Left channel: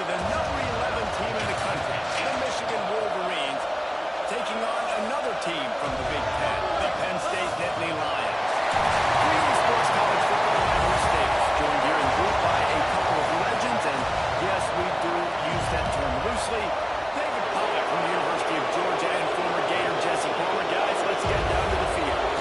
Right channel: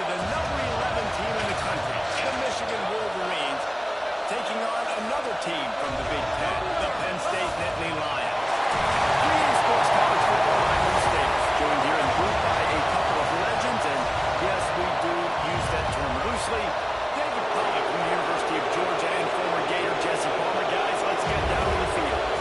the number 11 team in the country, the Michigan Wolverines, taking on another team from the Big Ten, the Penn State Nittany Lions. 3 Sports College Football, I'm Bruce Davis, joined here in booth by a couple of legends, and yes, we do use that term loosely. David Pollack from the University of Georgia and former Gator Jesse Palmer. Guys, let's get down to the field.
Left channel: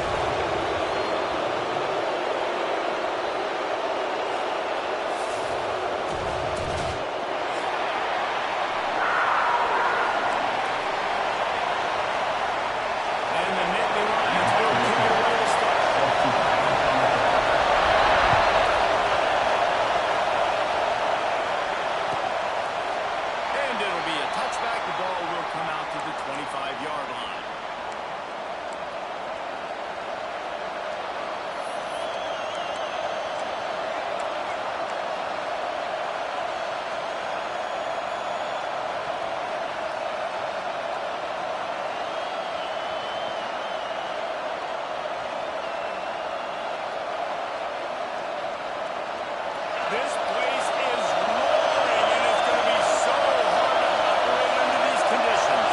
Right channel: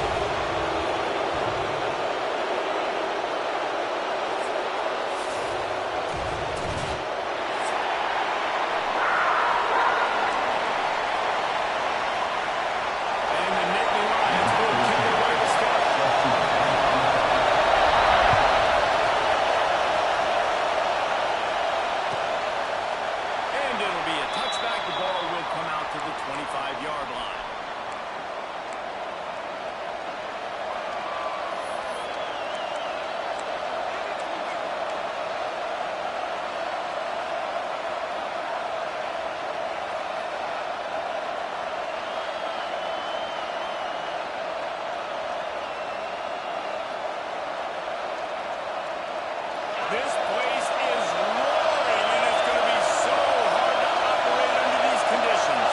And the Nittany Lions will kick it away to start. And it'll be a touchback. The ball will come out to the 25-yard line. This place is roaring, and it's going to be so hard to operate under these conditions.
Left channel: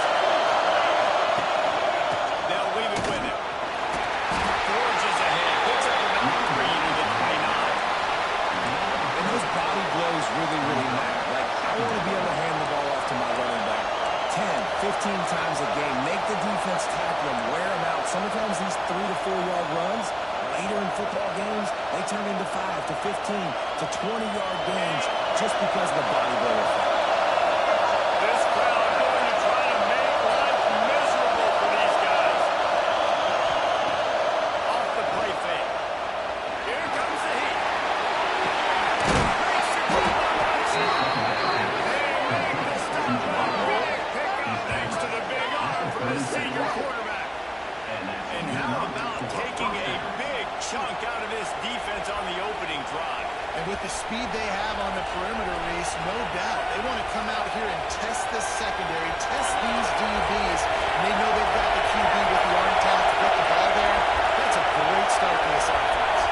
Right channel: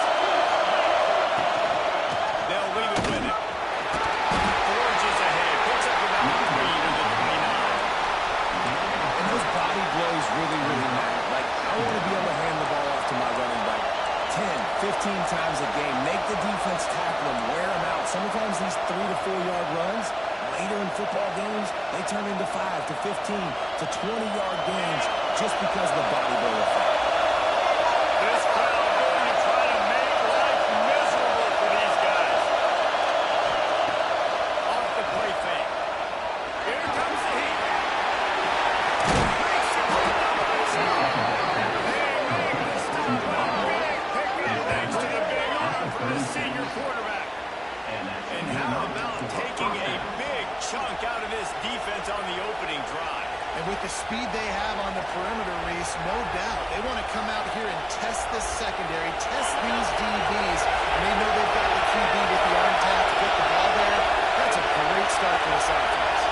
They'll leave it with him. Forges ahead, picks up about 3 to the 29. And those body blows really, really matter. Like, I want to be able to hand the ball off to my running back 10, 15 times a game. Make the defense tackle them, wear them out. Sometimes these 3 to 4 yard runs, later in football games, they turn into 5 to 15 to 20-yard gains just because of the body blow effect. This crowd going to try to make life miserable for these guys. Off the play fake. Here comes the heat. Makes it right down the right side. They make the stop with a big pickup thanks to the big arm from the senior quarterback. And how about taking a big chunk out of this defense on the opening drive? And with the speed they have on the perimeter, Reese, no doubt, they want to come out here and test this secondary, test these DBs, and they know they've got the QB with the arm talent to get the ball there. That's a great start for this offense.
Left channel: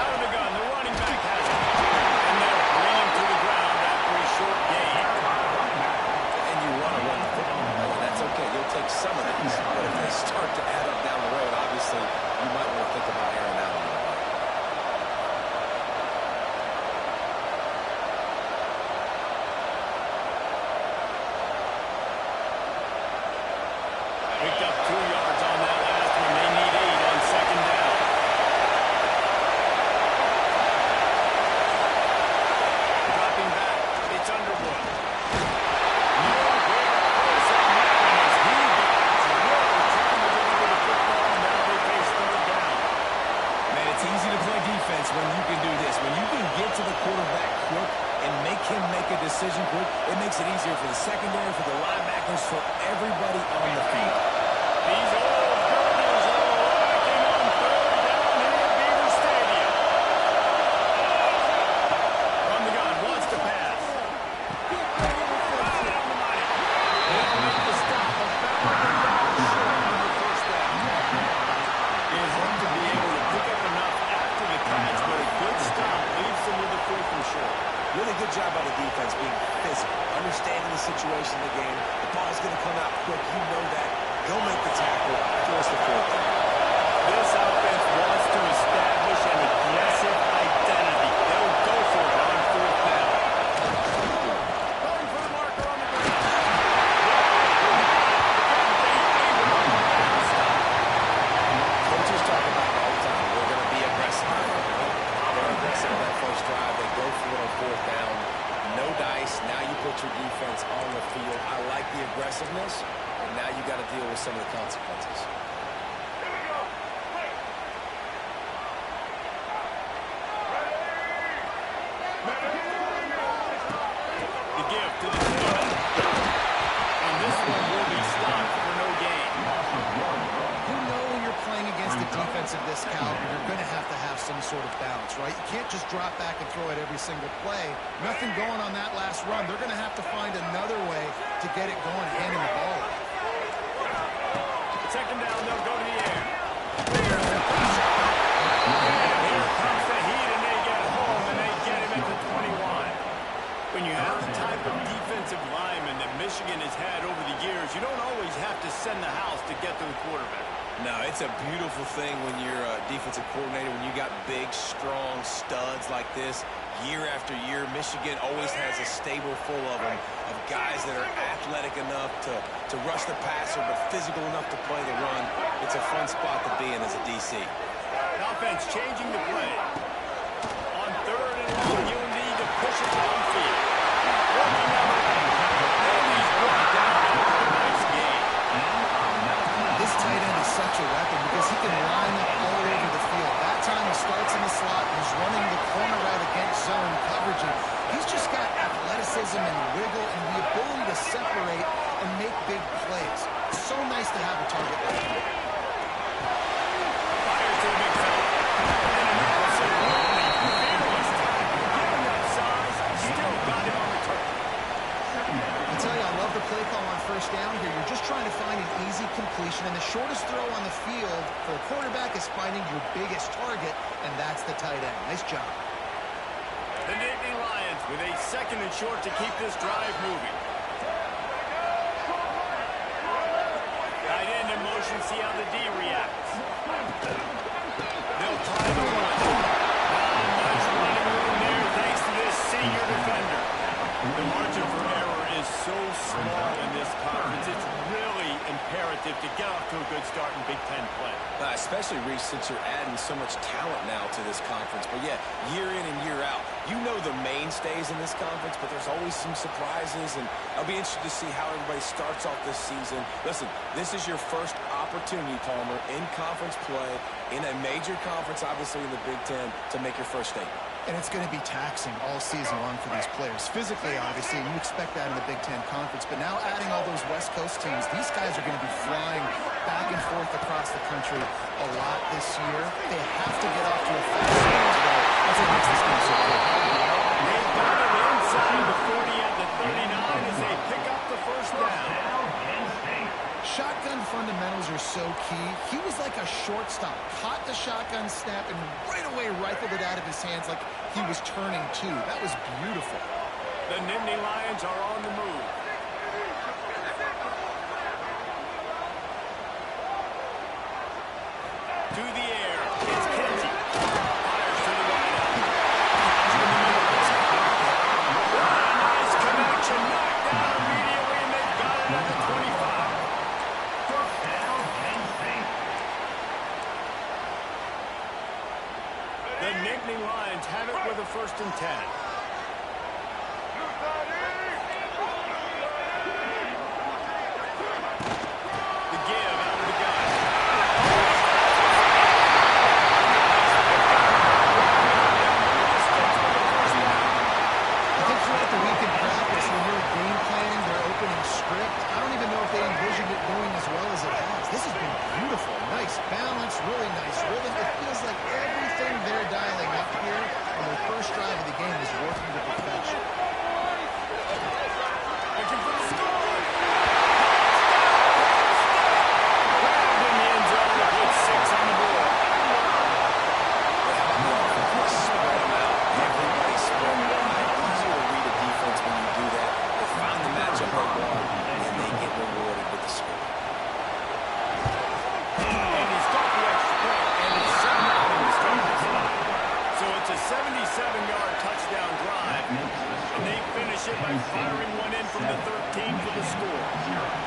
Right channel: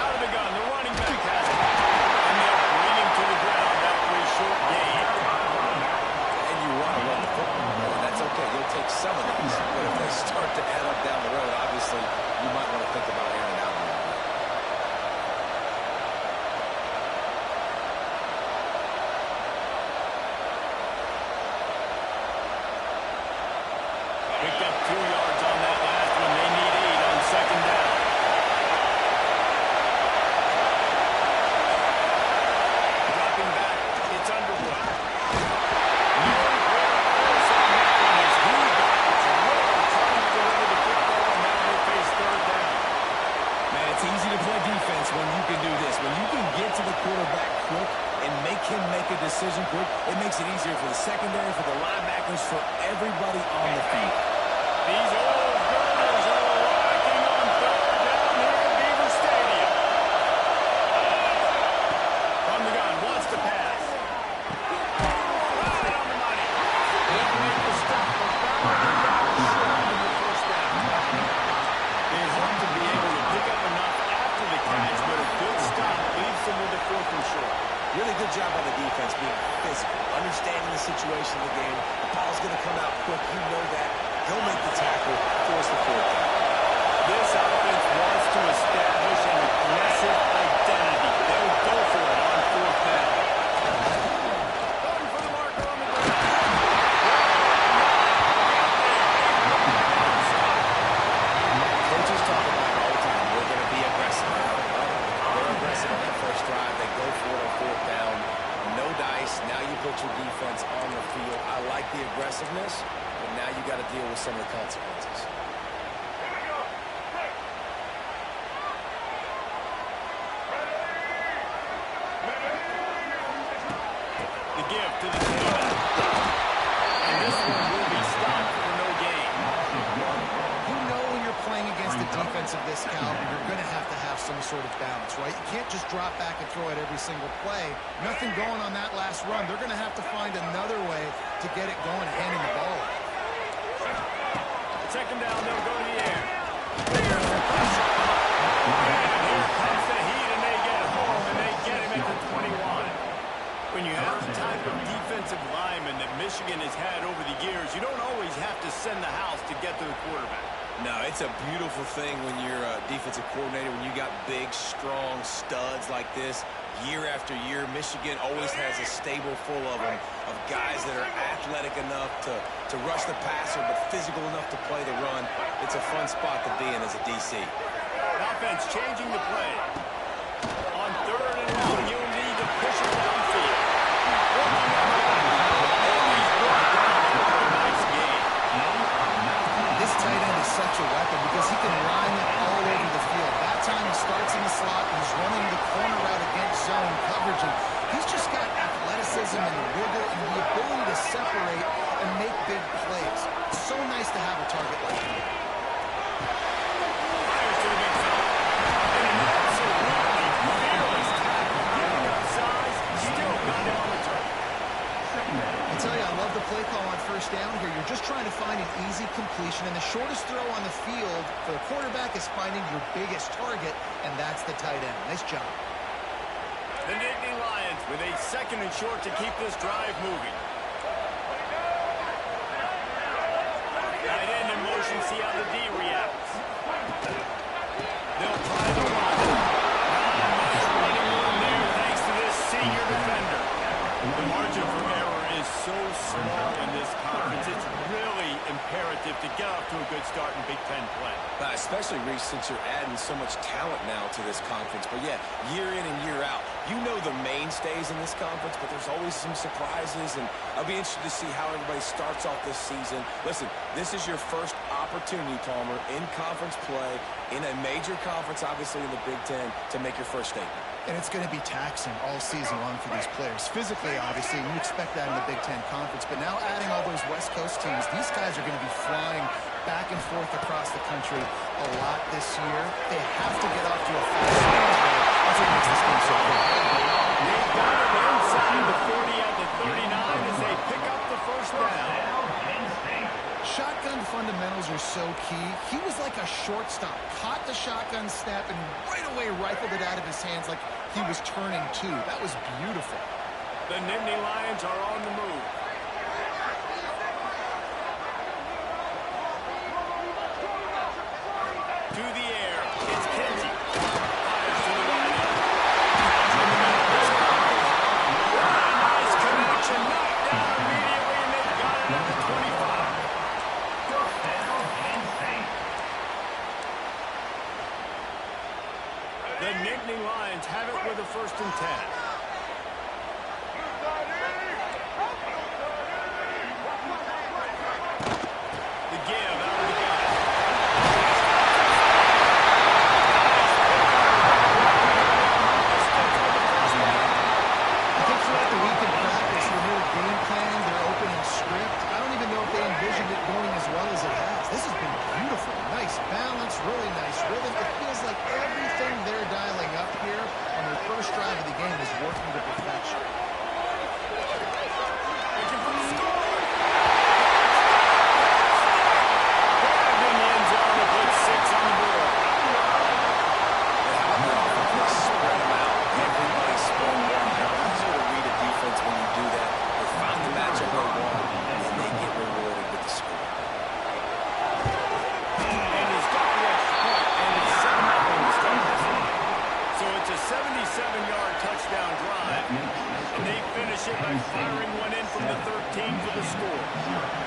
Out of the gun, the running back has it. And they'll bring him to the ground after a short gain. And you want to run the football. That's okay. You'll take some of these. But if they start to add up down the road, obviously, you might want to think about airing out a little bit. Picked up 2 yards on that last one. They need 8 on second down. Dropping back, it's Underwood. Nowhere close on that one as he got drilled trying to deliver the football, and now they face third down. Man, it's easy to play defense when you can do this. When you can get to the quarterback quick and make him make a decision quick, it makes it easier for the secondary, for the linebackers, for everybody on the field. These old girders are rocking on third down here at Beaver Stadium. From the gun, wants to pass. Right on the money. They'll make the stop about a yard short on the first down. They hope to be able to pick up enough after the catch, but a good stop leaves them with a 4th and short. Really good job by the defense being physical, understanding the situation in the game. The ball's going to come out quick. You know that. Go make the tackle, force the 4th down. This offense wants to establish an aggressive identity. They'll go for it on 4th down. Going for the marker on the ground. Coaches talk about it all the time. We're going to be aggressive. They're aggressive on that first drive. They go for it on 4th down. No dice. Now you put your defense on the field. I like the aggressiveness, but now you got to deal with some of the consequences. Here we go. The give to the tailback. And this one will be stopped for no gain. You know when you're playing against a defense of this caliber, you're going to have some sort of balance, right? You can't just drop back and throw it every single play. Nothing going on that last run. They're going to have to find another way to get it going, handing the ball off. Second down, they'll go to the air. There's the pressure. Michigan has had over the years, you don't always have to send the house to get to the quarterback. No, it's a beautiful thing when you're a defensive coordinator, when you got big, strong studs like this. Year after year, Michigan always has a stable full of them, of guys that are athletic enough to rush the passer, but physical enough to play the run. It's a fun spot to be in as a DC. Offense changing the play. On 3rd and long, you'll need to push it downfield. Working on the back. And he's brought down after a nice game. This tight end is such a weapon because he can line up all over the field. That time he starts in the slot and he's running the corner route against zone coverage. And he's just got athleticism and wiggle and the ability to separate and make big plays. It's so nice to have a target like him. Fires to the big fella. And an absolutely fearless tackle. Giving up size, still got him on the turf. I tell you, I love the play call on 1st down here. You're just trying to find an easy completion, and the shortest throw on the field for the quarterback is finding your biggest target, and that's the tight end. Nice job. The Nittany Lions with a 2nd and short to keep this drive moving. Tight end in motion, see how the D reacts. They'll try the run. Not much running room there thanks to this senior defender. The margin for error is so small in this conference. It's really imperative to get off to a good start in Big Ten play. Especially, Reese, since you're adding so much talent now to this conference. But, yeah, year in and year out, you know the mainstays in this conference, but there's always some surprises, and I'll be interested to see how everybody starts off this season. Listen, this is your first opportunity, Palmer, in conference play, in a major conference, obviously, in the Big Ten, to make your first statement. And it's going to be taxing all season long for these players. Physically, obviously, and you expect that in the Big Ten Conference. But now adding all those West Coast teams, these guys are going to be flying back and forth across the country a lot this year. They have to get off to a fast start today. That's what makes this game so cool. They've got it inside the 40 at the 39 as they pick up the 1st down. Shotgun fundamentals are so key. He was like a shortstop, caught the shotgun snap, and right away rifled it out of his hands like he was turning two. That was beautiful. The Nittany Lions are on the move. To the air. It's Kenji. Fires to the right out. Catch in the middle. It's a nice connection. Knocked down immediately, and they've got it at the 25. The Nittany Lions have it with a 1st and 10. The give out of the gun. I think throughout the week in practice, when they're game planning their opening script, I don't even know if they envisioned it going as well as it has. This has been beautiful. Nice balance, really nice rhythm. It feels like everything they're dialing up here on their first drive of the game is working to perfection. Looking for the score. Grabbed in the end zone to put 6 on the board. They spread them out. Everybody spread wide. Easier to read a defense when you do that. They find the matchup they want, and they get rewarded with the score. And he's got the extra point, and it's 7-0 to start this one. So it's a 77-yard touchdown drive, and they finish it by firing one in from the 13 for the score.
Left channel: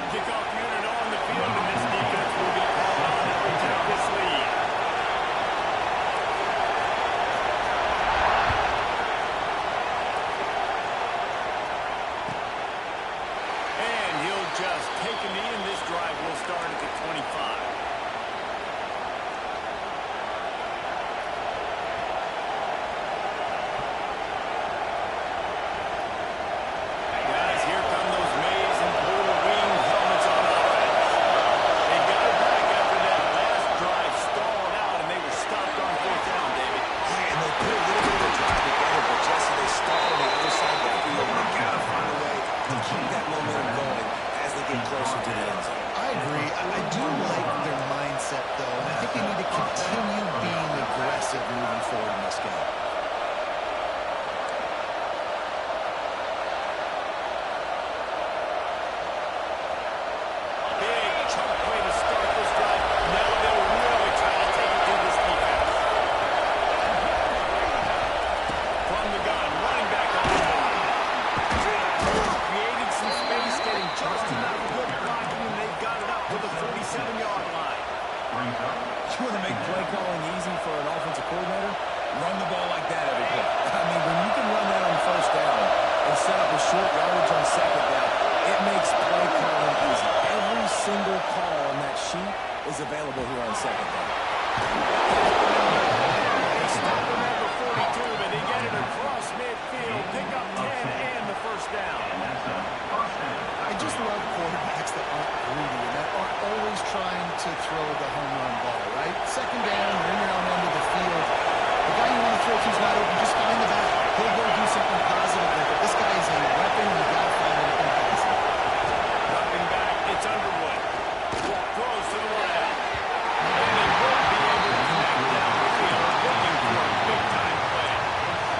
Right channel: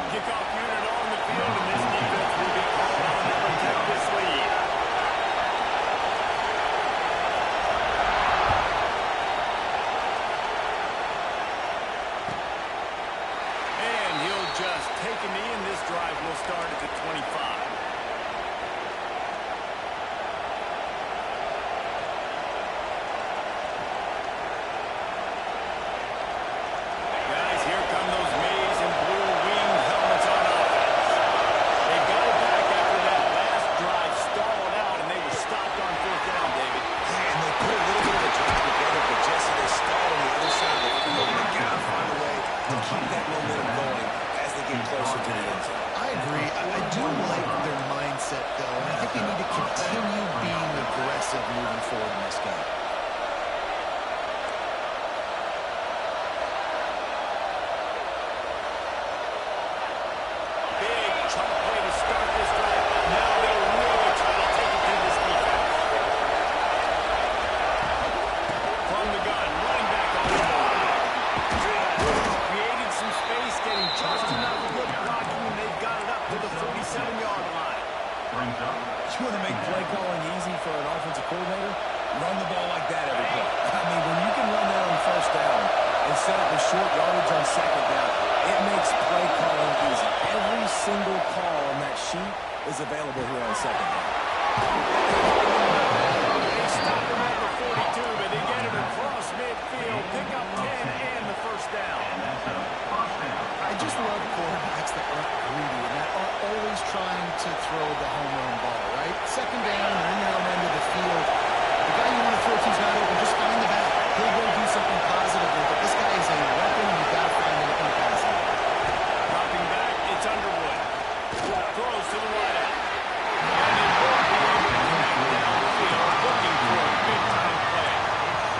Kickoff unit on the field, and this defense will be called on to protect this lead. And he'll just take a knee, and this drive will start at the 25. Guys, here come those maize and blue wing helmets on offense. They got it back after that last drive stalled out, and they were stopped on 4th down, David. Yeah, and they put a little bit of a drive together, but Jesse, they stalled on the other side of the field, and they got to find a way to keep that momentum going as they get closer to the end zone. I agree. I do like their mindset, though, and I think they need to continue being aggressive moving forward in this game. want to make play calling easy for an offensive coordinator? Run the ball like that every play. I mean, when you can run that on first down and set up a short yardage on second down, it makes play calling easy. Every single call on that sheet is available here on second down. They stop him at the 42, but they get it across midfield, pick up 10 and the first down. I just love quarterbacks that aren't greedy and that aren't always trying to throw the home run ball, right? Second down, you're in your own end of the field. The guy you want to throw to is not open. Just find the back. He'll go do something positive with it. This guy is a weapon. You've got to find him in passing. Dropping back, it's Underwood. Throws to the wideout. And he won't be able to connect down the field, looking for a big-time play.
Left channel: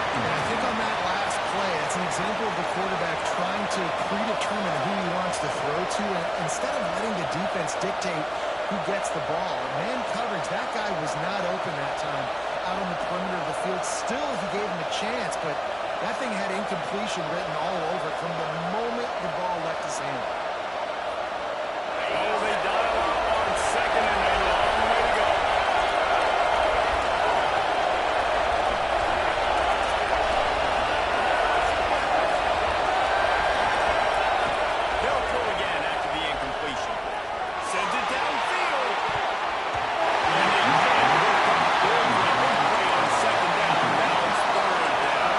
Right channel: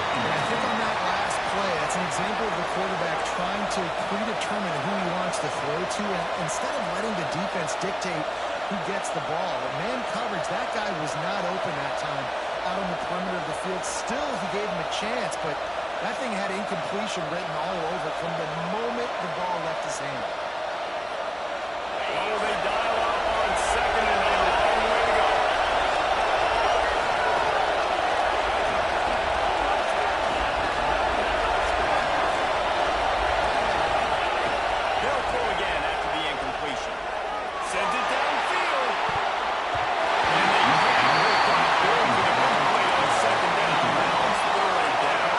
And I think on that last play, that's an example of the quarterback trying to predetermine who he wants to throw to. And instead of letting the defense dictate who gets the ball, man coverage, that guy was not open that time out on the perimeter of the field. Still, he gave him a chance, but that thing had incompletion written all over it from the moment the ball left his hand. Oh, they dial up on second and a long way to go. They'll throw again after the incompletion. Sends it downfield. And they can't hook up. Going for the big play on second down. Now it's third down.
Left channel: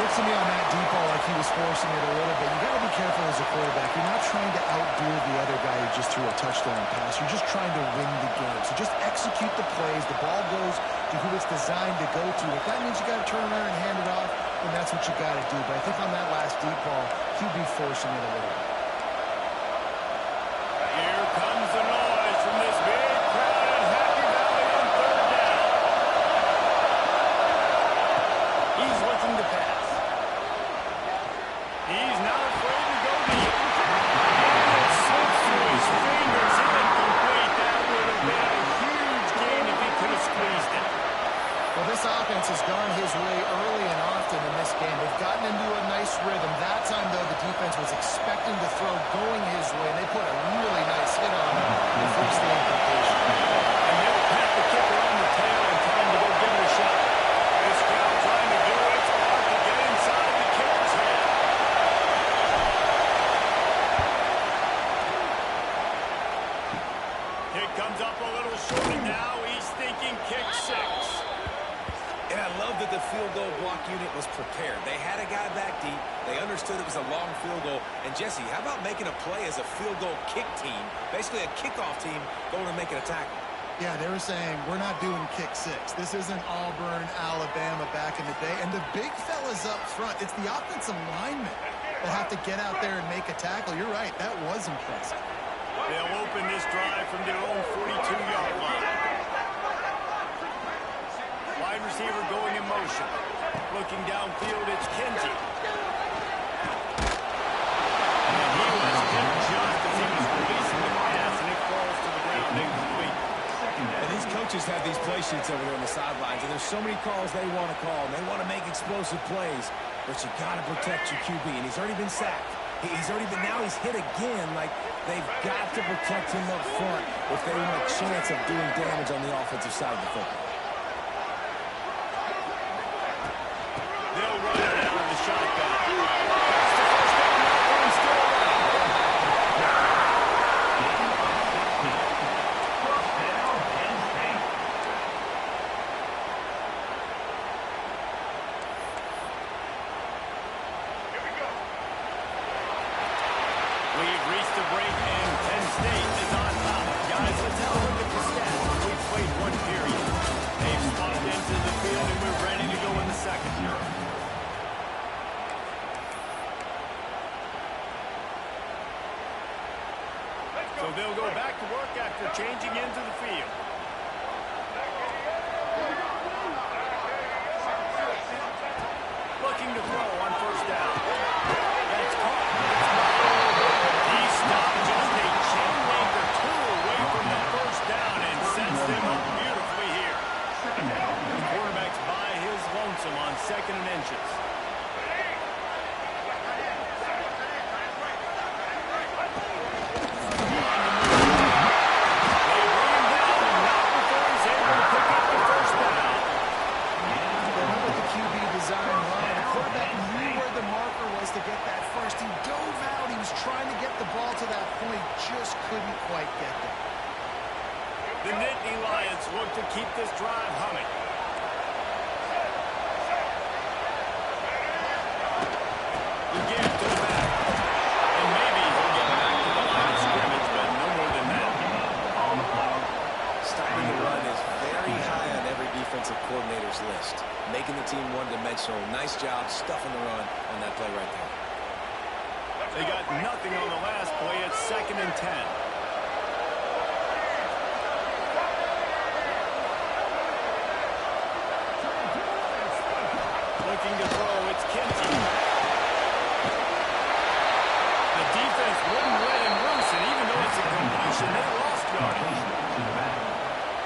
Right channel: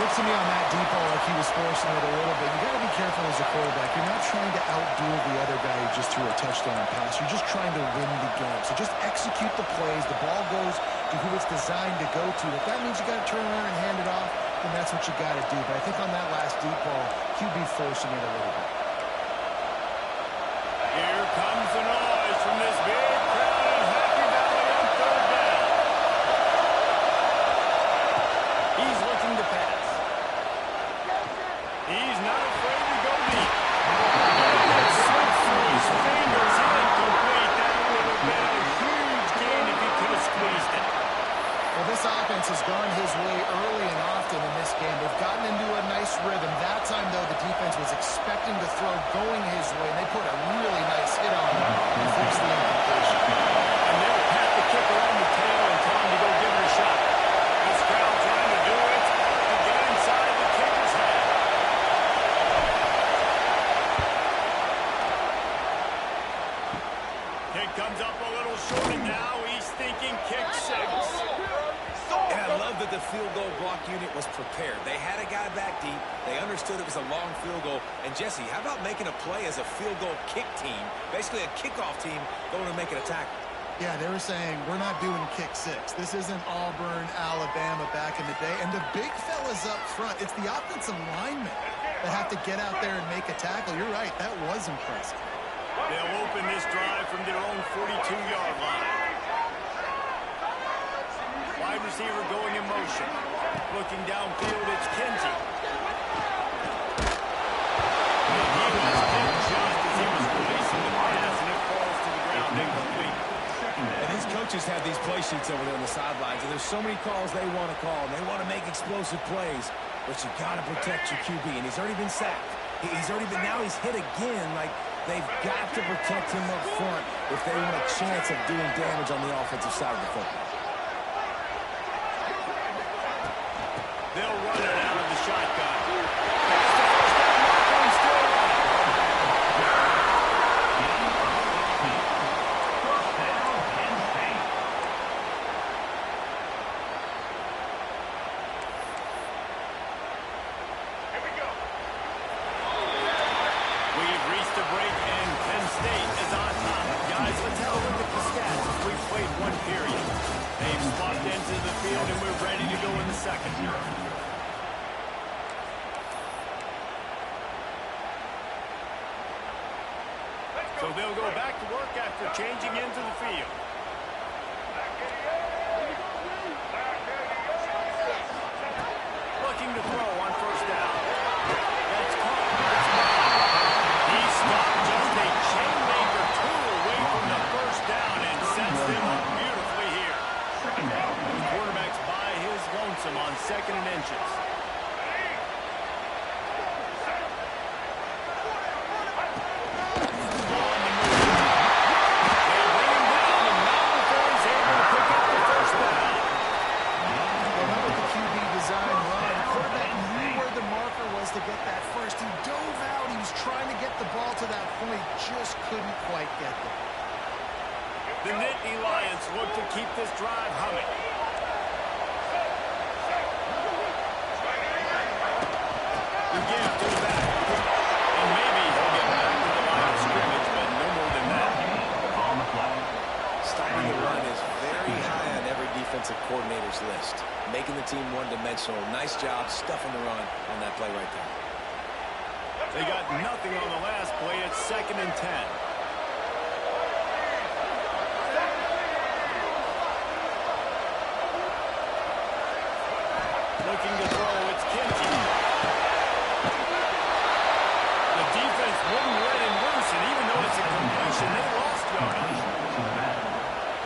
Looks to me on that deep ball like he was forcing it a little bit. You got to be careful as a quarterback. You're not trying to outduel the other guy who just threw a touchdown pass. You're just trying to win the game. So just execute the plays. The ball goes to who it's designed to go to. If that means you got to turn around and hand it off, then that's what you got to do. But I think on that last deep ball, QB forcing it a little bit. Here comes the noise from this big crowd in Happy Valley on third down. He's looking to pass. He's not afraid to go deep. And it slips through his fingers. Incomplete. That would have been a huge gain if he could have squeezed it. Well, this offense has gone his way early and often in this game. They've gotten into a nice rhythm. That time, though, the defense was expecting to throw going his way, and they put a really nice hit on him and forced the incompletion. And they'll pat the kicker on the tail and tell him to go give it a shot. This crowd trying to do its part to get inside the kicker's head. Kick comes up a little short, and now he's thinking kick six. And I love that the field goal block unit was prepared. They had a guy back deep. They understood it was a long field goal. And, Jesse, how about making a play as a field goal kick team, basically a kickoff team going and making a tackle? Yeah, they were saying, we're not doing kick six. This isn't Auburn, Alabama back in the day. And the big fellas up front, it's the offensive linemen that have to get out there and make a tackle. You're right, that was impressive. They'll open this drive from their own 42-yard line. Wide receiver going in motion. Looking downfield, it's Kenzie. And he was hit just as he was releasing the pass, and it falls to the ground incomplete. And these coaches have these play sheets over there on the sidelines, and there's so many calls they want to call, and they want to make explosive plays, but you got to protect your QB, and he's already been sacked. Now he's hit again. Like, they've got to protect him up front if they want a chance of doing damage on the offensive side of the football. They'll run it out of the shotgun. That's the first down marker and still running. First down, Penn State. Here we go. We've reached a break, and Penn State is on top. Guys, let's have a look at the stats as we've played one period. They've spotted into the field, and we're ready to go in the second. So they'll go back to work after changing into the field. Looking to throw on first down. That's caught. It's caught. He stopped just a chain link or two away from the first down and sets them up beautifully here. Second down. The quarterback's by his lonesome on second and inches. On the move. They bring him down, and not before he pick up the first down. Well, with the QB design run, the quarterback knew where the marker was to get that first. He dove out. He was trying to get the ball to that point. Just couldn't quite get there. The Nittany Lions look to keep this drive humming. The give to the back. And maybe he'll get back to the line of scrimmage, but no more than that. On the flag. Stopping the run is very high on every defensive coordinator's list. Making the team one-dimensional. Nice job stuffing the run on that play right there. They got nothing on the last play. It's 2nd and 10. Looking to throw, it's Kinsey. The defense wouldn't let him loose, and even though it's a completion, they lost yardage.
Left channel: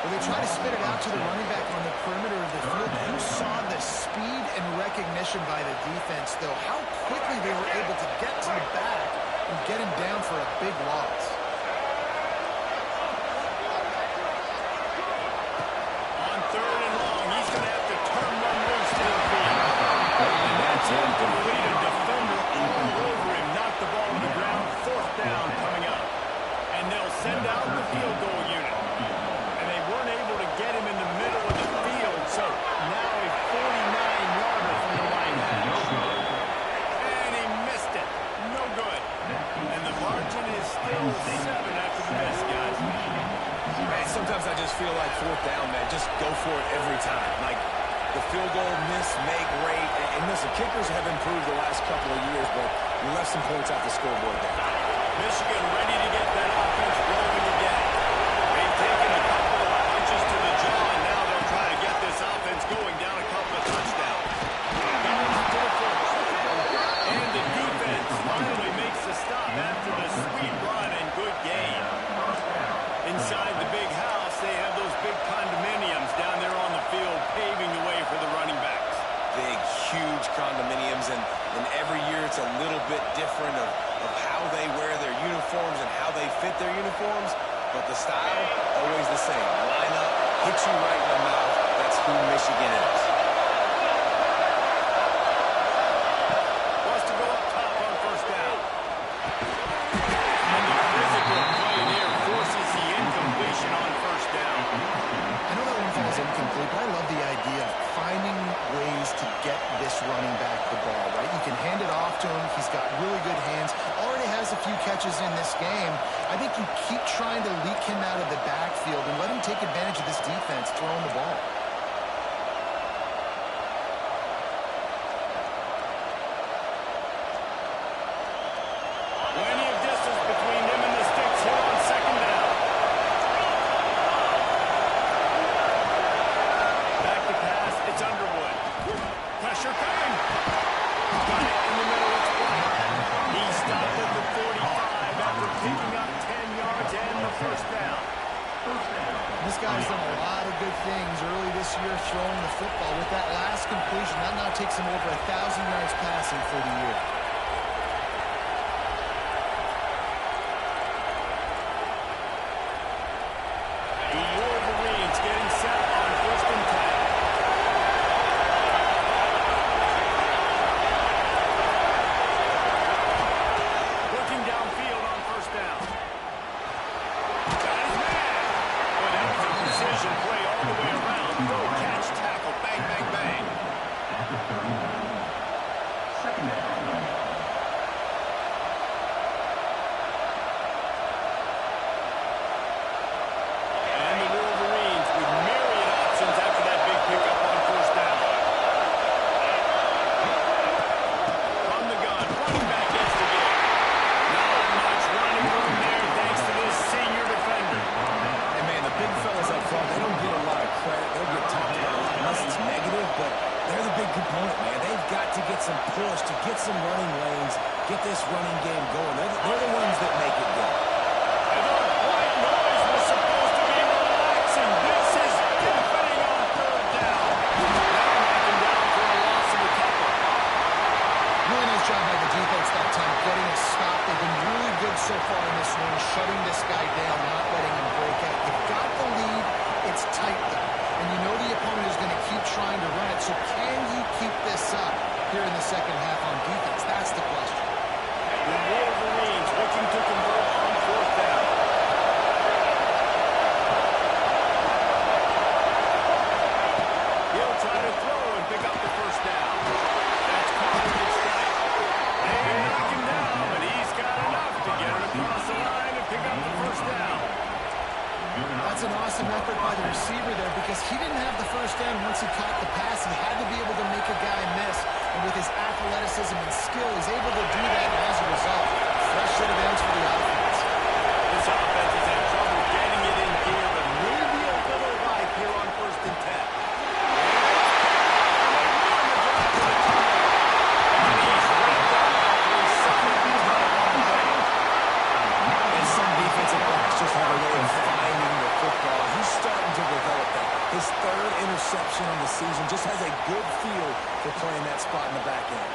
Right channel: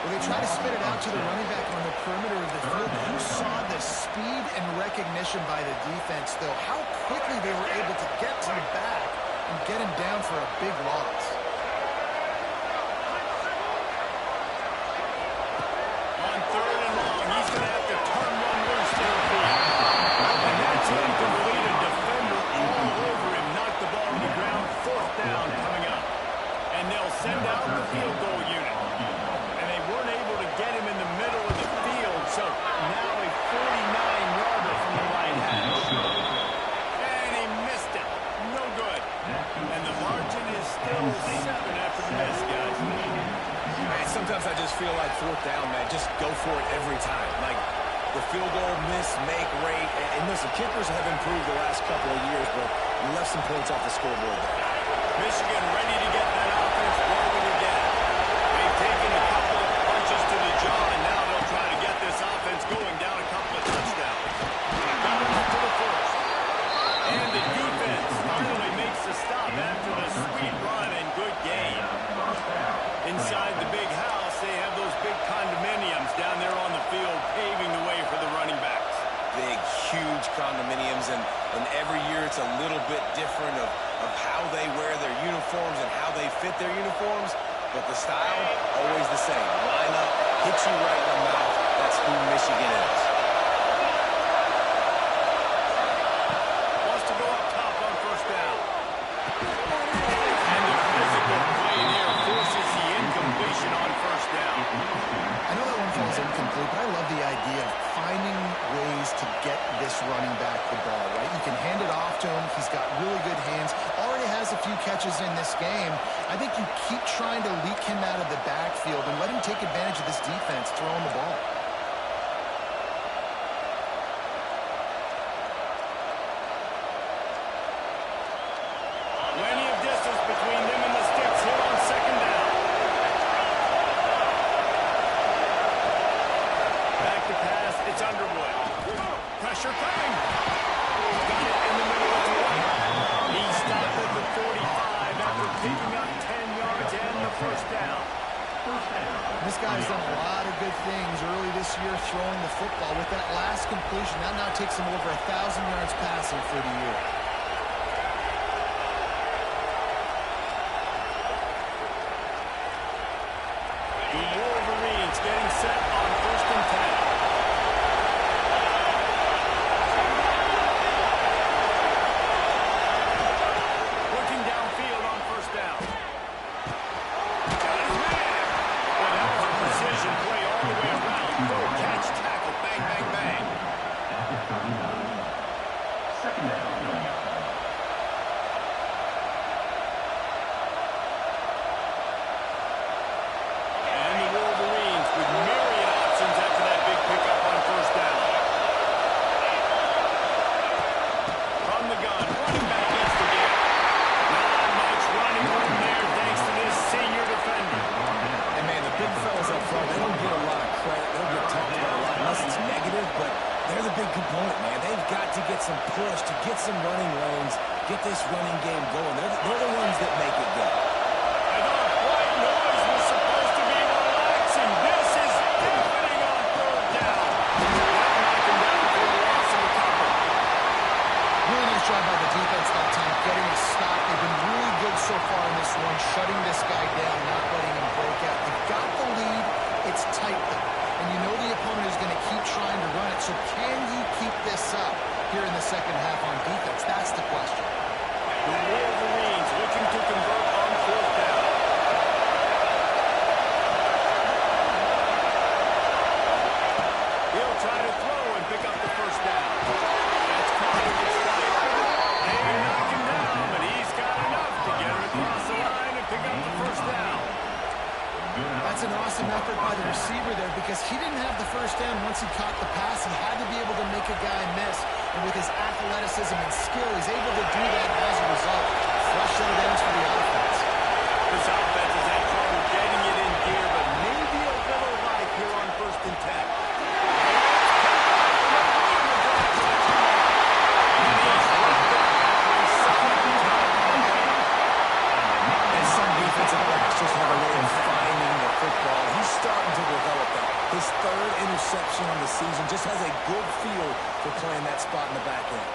Well, they try to spit it out to the running back on the perimeter of the field. You saw the speed and recognition by the defense, though. How quickly they were able to get to the back and get him down for a big loss. On 3rd and long, he's going to have to turn one loose downfield. And that's incomplete. A defender all over him. Knocked the ball to the ground. 4th down coming up. And they'll send out the field goal unit. And they weren't able to get him in the middle of the field. So now a 49-yarder from the right hash. And he missed it. No good. And the margin is still 7 after the miss, guys. Man, sometimes I just feel like 4th down, man. Just go for it every time. Like the field goal miss, make rate. And listen, kickers have improved the last couple of years, but we left some points off the scoreboard there. Michigan ready to get that offense rolling again. They've taken a couple of punches to the jaw, and now they'll try to get this offense going down a couple of touchdowns. Down to the first. And the defense finally makes the stop after the sweet run and good game. Inside the big house, they have those big condominiums down there on the field paving the way for the running backs. Big, huge condominiums, and every year it's a little bit different of how they wear their uniforms and how they fit their uniforms, but the style, always the same. Line up, hit you right in the mouth. That's who Michigan is. Wants to go up top on 1st down. And the physical play there forces the incompletion on 1st down. I know that one falls incomplete, but I love the idea of finding ways to get this running back the ball, right? You can hand it off to him. He's got really good hands. Already has a few catches in this game. I think you keep trying to leak him out of the backfield and let him take advantage of this defense throwing the ball. Plenty of distance between them and the sticks here on 2nd down. Back to pass, it's Underwood. Pressure coming. Got it in the middle of the right. He stopped at the 45 after picking up 10 yards and the 1st down. This guy's done a lot of good things early this year throwing the football. With that last completion, that now takes him over 1,000 yards passing for the year. The Wolverines getting set on 1st and 10. Working downfield on 1st down. Got his man. Boy, that was a precision play all the way around. Throw, catch, tackle, bang, bang, bang. At the 39. 2nd down. And the Wolverines with myriad options after that big pickup on 1st down. From the gun, running back gets the give. Not much running room there thanks to this senior defender. And man, the big fellas up front, they don't get a lot of credit. They don't get talked about a lot unless it's negative, but they're the big component, man. They've got to get some push, to get some running lanes, get this running game going. They're the ones that make it go. I thought white noise was supposed to be relaxing. This is deafening on 3rd down. Now knocking down for a loss of a couple. Really nice job by the defense that time, getting a stop. They've been really good so far in this one, shutting this guy down, not letting him break out. You've got the lead. It's tight, though. and you know the opponent is going to keep trying to run it. So can you keep this up here in the second half on defense? That's the question. The Wolverines looking to convert on fourth down. He'll try to throw and pick up the first down. That's caught and gets tight. They knock him down, but he's got enough to get it across the line and pick up the first down. That's an awesome effort by the receiver there because he didn't have the first down once he caught the pass. He had to be able to make a guy miss. And with his athleticism and skill, he's able to do that. And as a result, fresh set of downs for the offense. This offense has had trouble getting it in gear, but maybe a little life here on 1st and 10. Defensive backs just have a way of finding the football. He's starting to develop that. His 3rd interception on the season just has a good feel for playing that spot in the back end.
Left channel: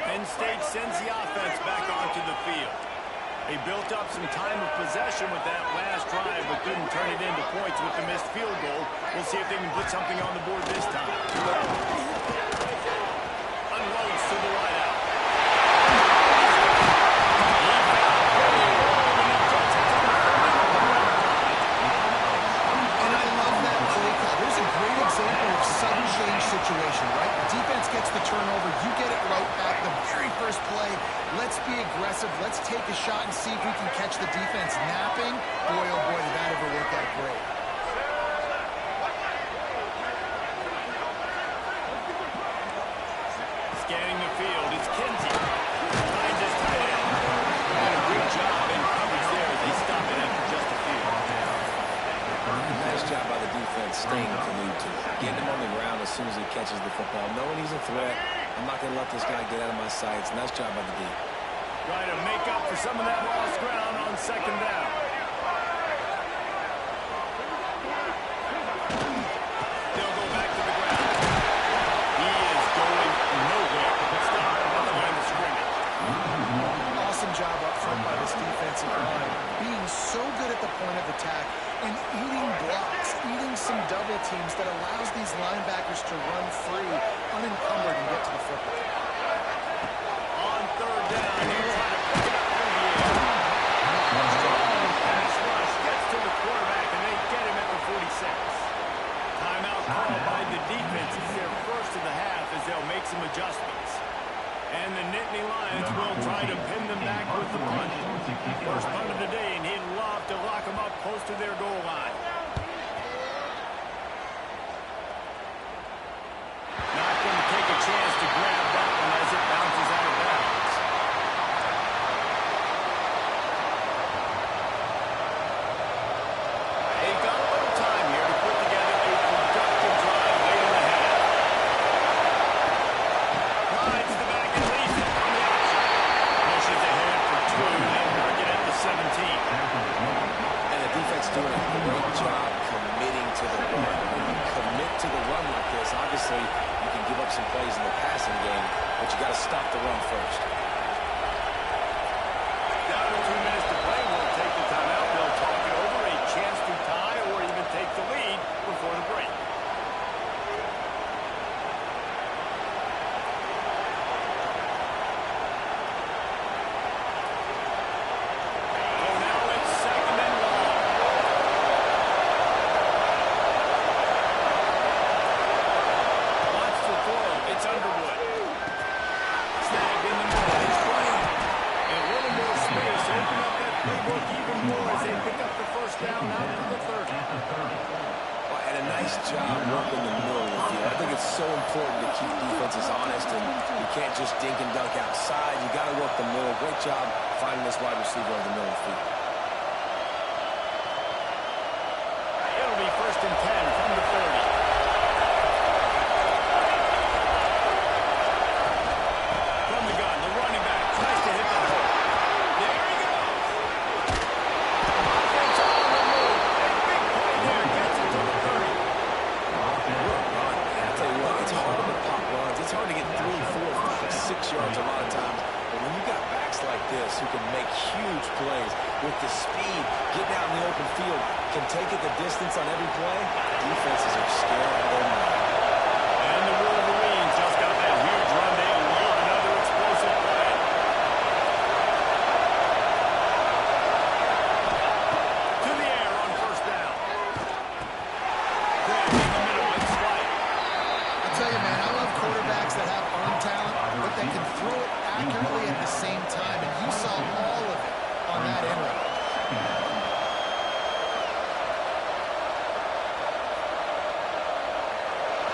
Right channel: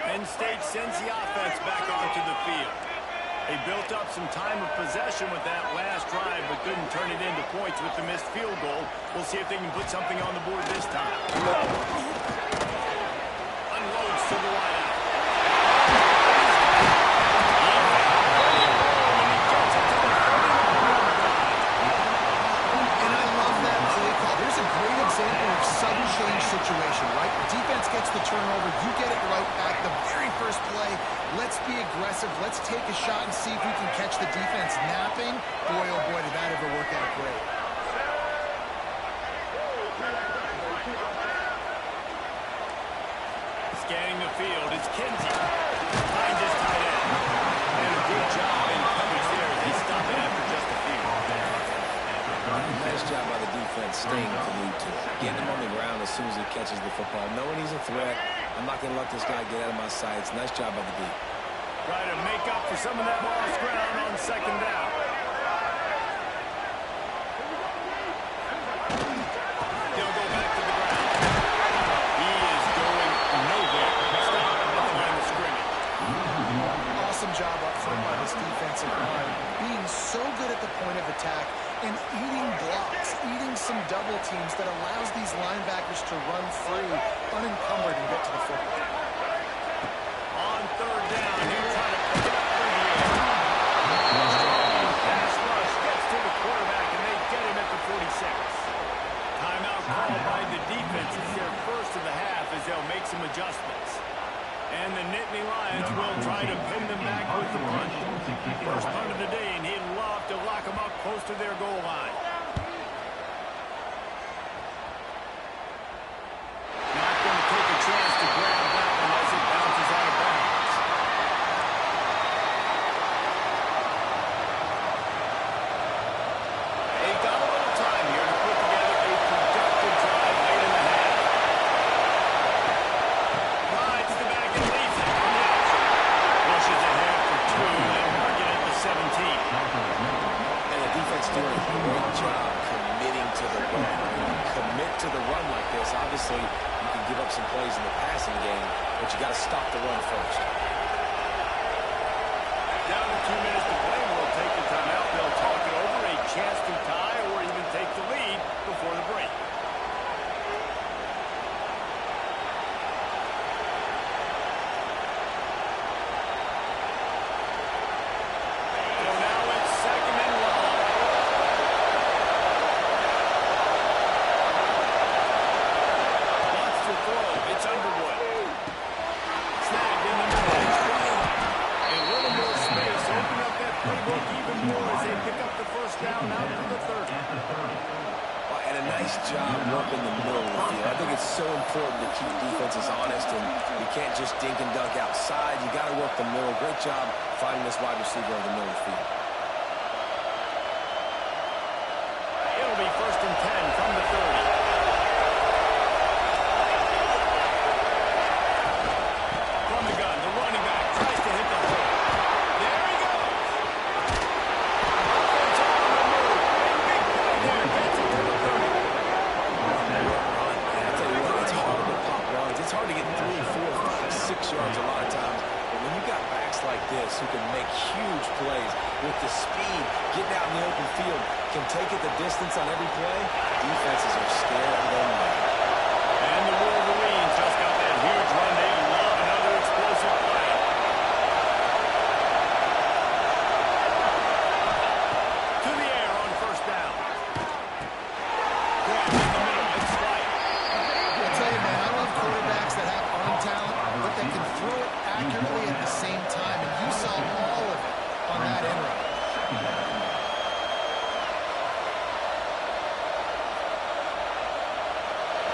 Penn State sends the offense back onto the field. They built up some time of possession with that last drive, but couldn't turn it into points with the missed field goal. We'll see if they can put something on the board this time. Unloads to the wideout. He found plenty of room, and he gets it to the 30-yard line. And I love that play call. There's a great example of sudden change situation, right? The defense gets the turnover. You get it right back. The very first play, let's be aggressive. Let's take a shot and see if we can catch the defense napping. Boy, oh boy, did that ever work out great. Scanning the field, it's Kinsey. Finds his tight end. And a good job in coverage there as they stop it after just a few. Nice job by the defense staying glued to it. Getting him on the ground as soon as he catches the football. Knowing he's a threat, I'm not going to let this guy get out of my sights. Nice job by the D. Try to make up for some of that lost ground on 2nd down. They'll go back to the ground. He is going nowhere. Stop at the line of scrimmage. Awesome job up front by this defensive line. Being so good at the point of attack and eating blocks, eating some double teams that allows these linebackers to run free, unencumbered, and get to the football. On 3rd down, he'll try to pick it up through the air. Strong pass rush gets to the quarterback, and they get him at the 46. Timeout called by the defense. It's their first of the half as they'll make some adjustments. And the Nittany Lions will try to pin them back with the punt. First punt of the day, and he'd love to lock them up close to their goal line. Not going to take a chance to grab that one as it bounces out of bounds. They've got a little time here to put together a productive drive late in the half. Rides the back and leads it on the option. Pushes ahead for 2. They'll mark it at the 17. And the defense doing a great job committing to the run. When you commit to the run like this, obviously you can give up some plays in the passing game, but you got to stop the run first. Down to 2 minutes to play. We'll take the timeout. They'll talk it over. A chance to tie or even take the lead before the break. So now it's 2nd and long. Wants to throw. It's Underwood. Snagged in the middle. He's playing. A little more space. Open up that playbook even more as they pick up the first down out to the 30. Well, and a nice job working the middle of the field. I think it's so important to keep defenses honest, and you can't just dink and dunk outside. You got to work the middle. Great job finding this wide receiver over the middle of the field. It'll be 1st and 10 from the 30. From the gun, the running back tries to hit the hole. There he goes. Offense on the move. Big play there. Gets it to the 30. Run. I'll tell you what, it's hard to it's hard to get 3, 4, 5, 6 yards a lot of times. But when you've got backs like this who can make huge plays with the speed, getting out in the open field, can take it the distance on every play, defenses are scared out of their mind. And the Wolverines just got that huge run. They love another explosive play. To the air on first down. Grab in the middle and slide. I'll tell you, man, I love quarterbacks that have arm talent, but that can throw it accurately at the same time, and you saw all of it on that end run.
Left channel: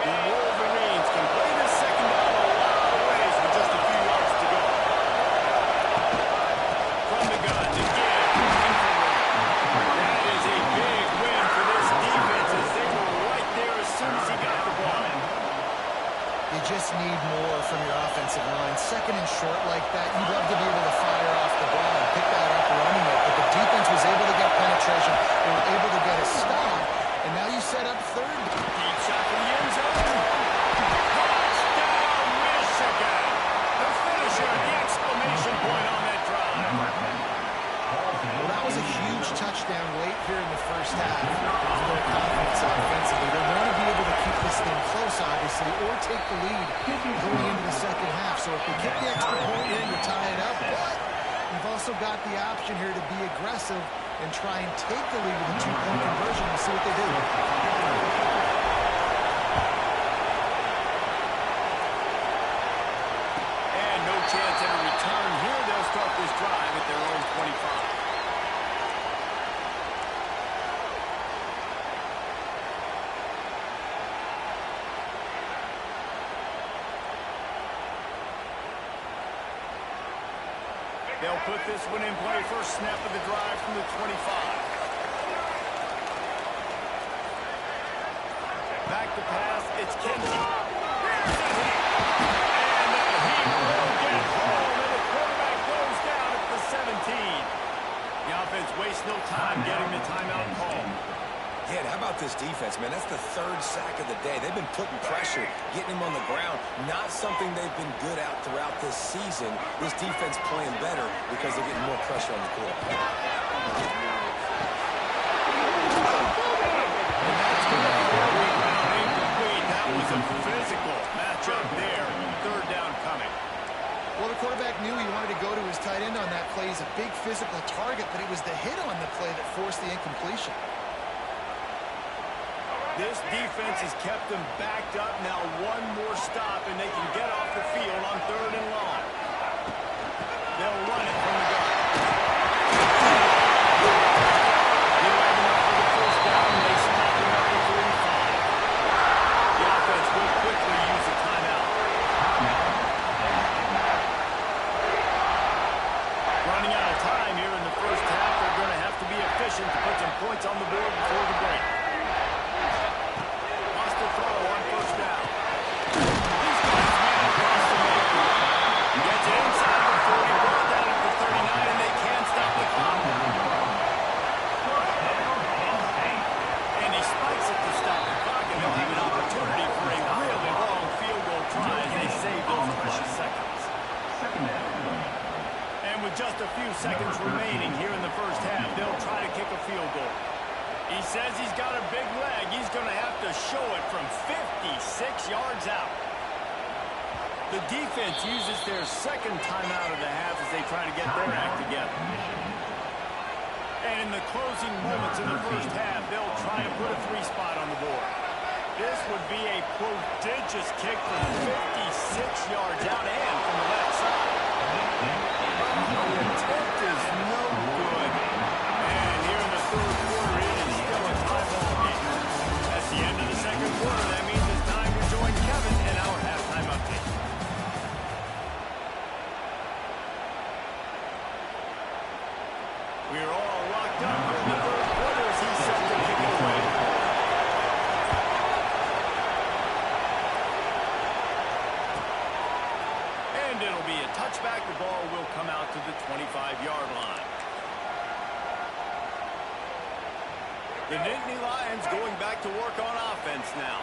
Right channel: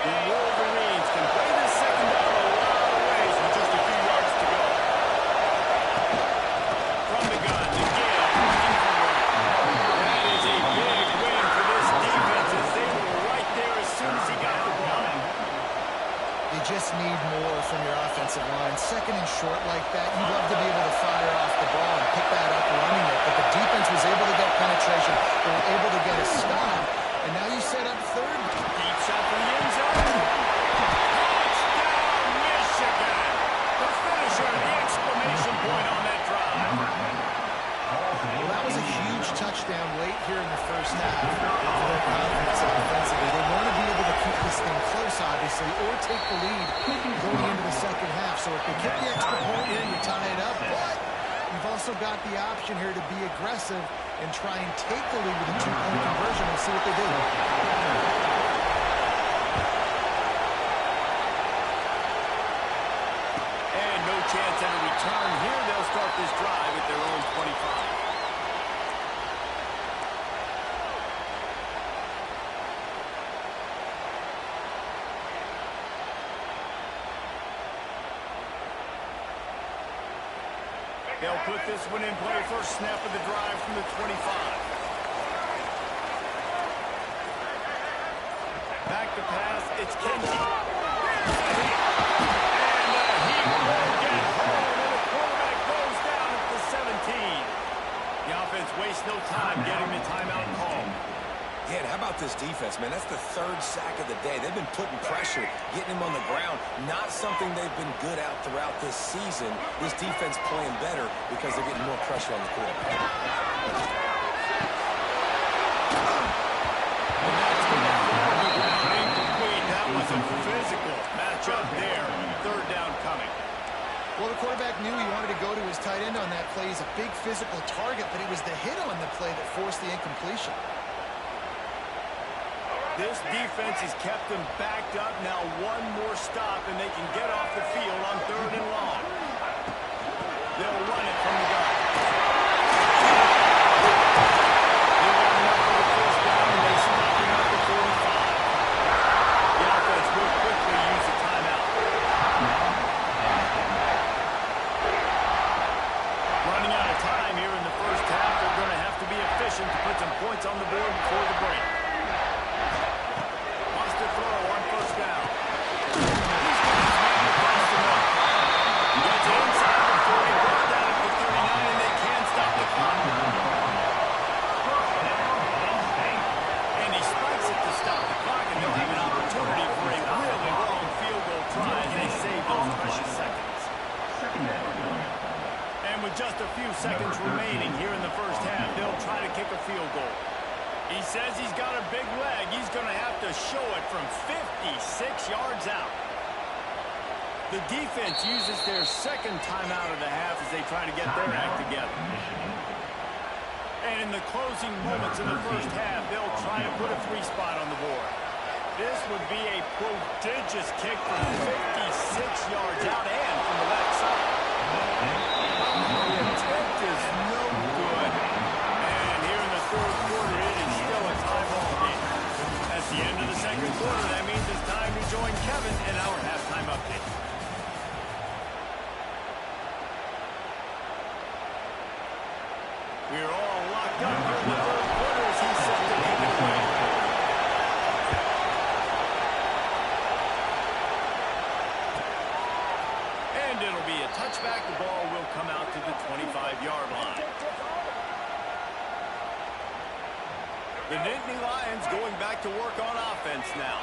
The Wolverines can play this second down a lot of ways with just a few yards to go. From the gun, the give, looking for room. That is a big win for this defense as they were right there as soon as he got the ball. You just need more from your offensive line. Second and short like that, you'd love to be able to fire off the ball and pick that up running it, but the defense was able to get penetration. They were able to get a stop, and now you set up third. Deep shot for the end zone. Touchdown, Michigan! The finisher, the exclamation point on that drive. Well, that was a huge touchdown late here in the first half for their confidence offensively. They want to be able to keep this thing close, obviously, or take the lead going into the second half. So if they get the extra point here, you tie it up. But you've also got the option here to be aggressive and try and take the lead with a two-point conversion. We'll see what they do. And no chance at a return here. They'll start this drive at their own 25. They'll put this one in play. First snap of the drive from the 25. Back to pass. It's Kenji. Here's a hit. And he will get home. And the quarterback goes down at the 17. The offense wastes no time getting the timeout call. Yeah, and how about this defense, man? That's the third sack of the day. They've been putting pressure, getting him on the ground. Not something they've been good at throughout this season. This defense playing better because they're getting more pressure on the quarterback. And that's going to fall to the ground. Incomplete. That was a physical matchup there. Third down coming. Well, the quarterback knew he wanted to go to his tight end on that play. He's a big physical target, but it was the hit on the play that forced the incompletion. This defense has kept them backed up. Now one more stop, and they can get off the field on third and long. They'll run it from the gun. He'll have enough for the first down, and they stop him at the 45. The offense will quickly use a timeout. Running out of time here in the first half. They're going to have to be efficient to put some points on the board before the break. To throw on first down. He's got his man across the middle. Gets inside the 40, brought down at the 39, and they can't stop the clock. And he spikes it to stop the clock, and they'll have an opportunity for a really long field goal try as they save those precious seconds. And with just a few seconds remaining here in the first half, they'll try to kick a field goal. He says he's got a big leg. He's going to have to show it from 56 yards out. The defense uses their second timeout of the half as they try to get their act together. And in the closing moments of the first half, they'll try to put a 3-spot on the board. This would be a prodigious kick from 56 yards out and from the left side. The attempt is no good. And here in the third quarter, it is still a tie ball game. That's the end of the second quarter. That means it's time to join Kevin in our halftime update. We're all locked up here in the third quarter as he's set to kick it away. And it'll be a touchback. The ball will come out to the 25-yard line. The Nittany Lions going back to work on offense now.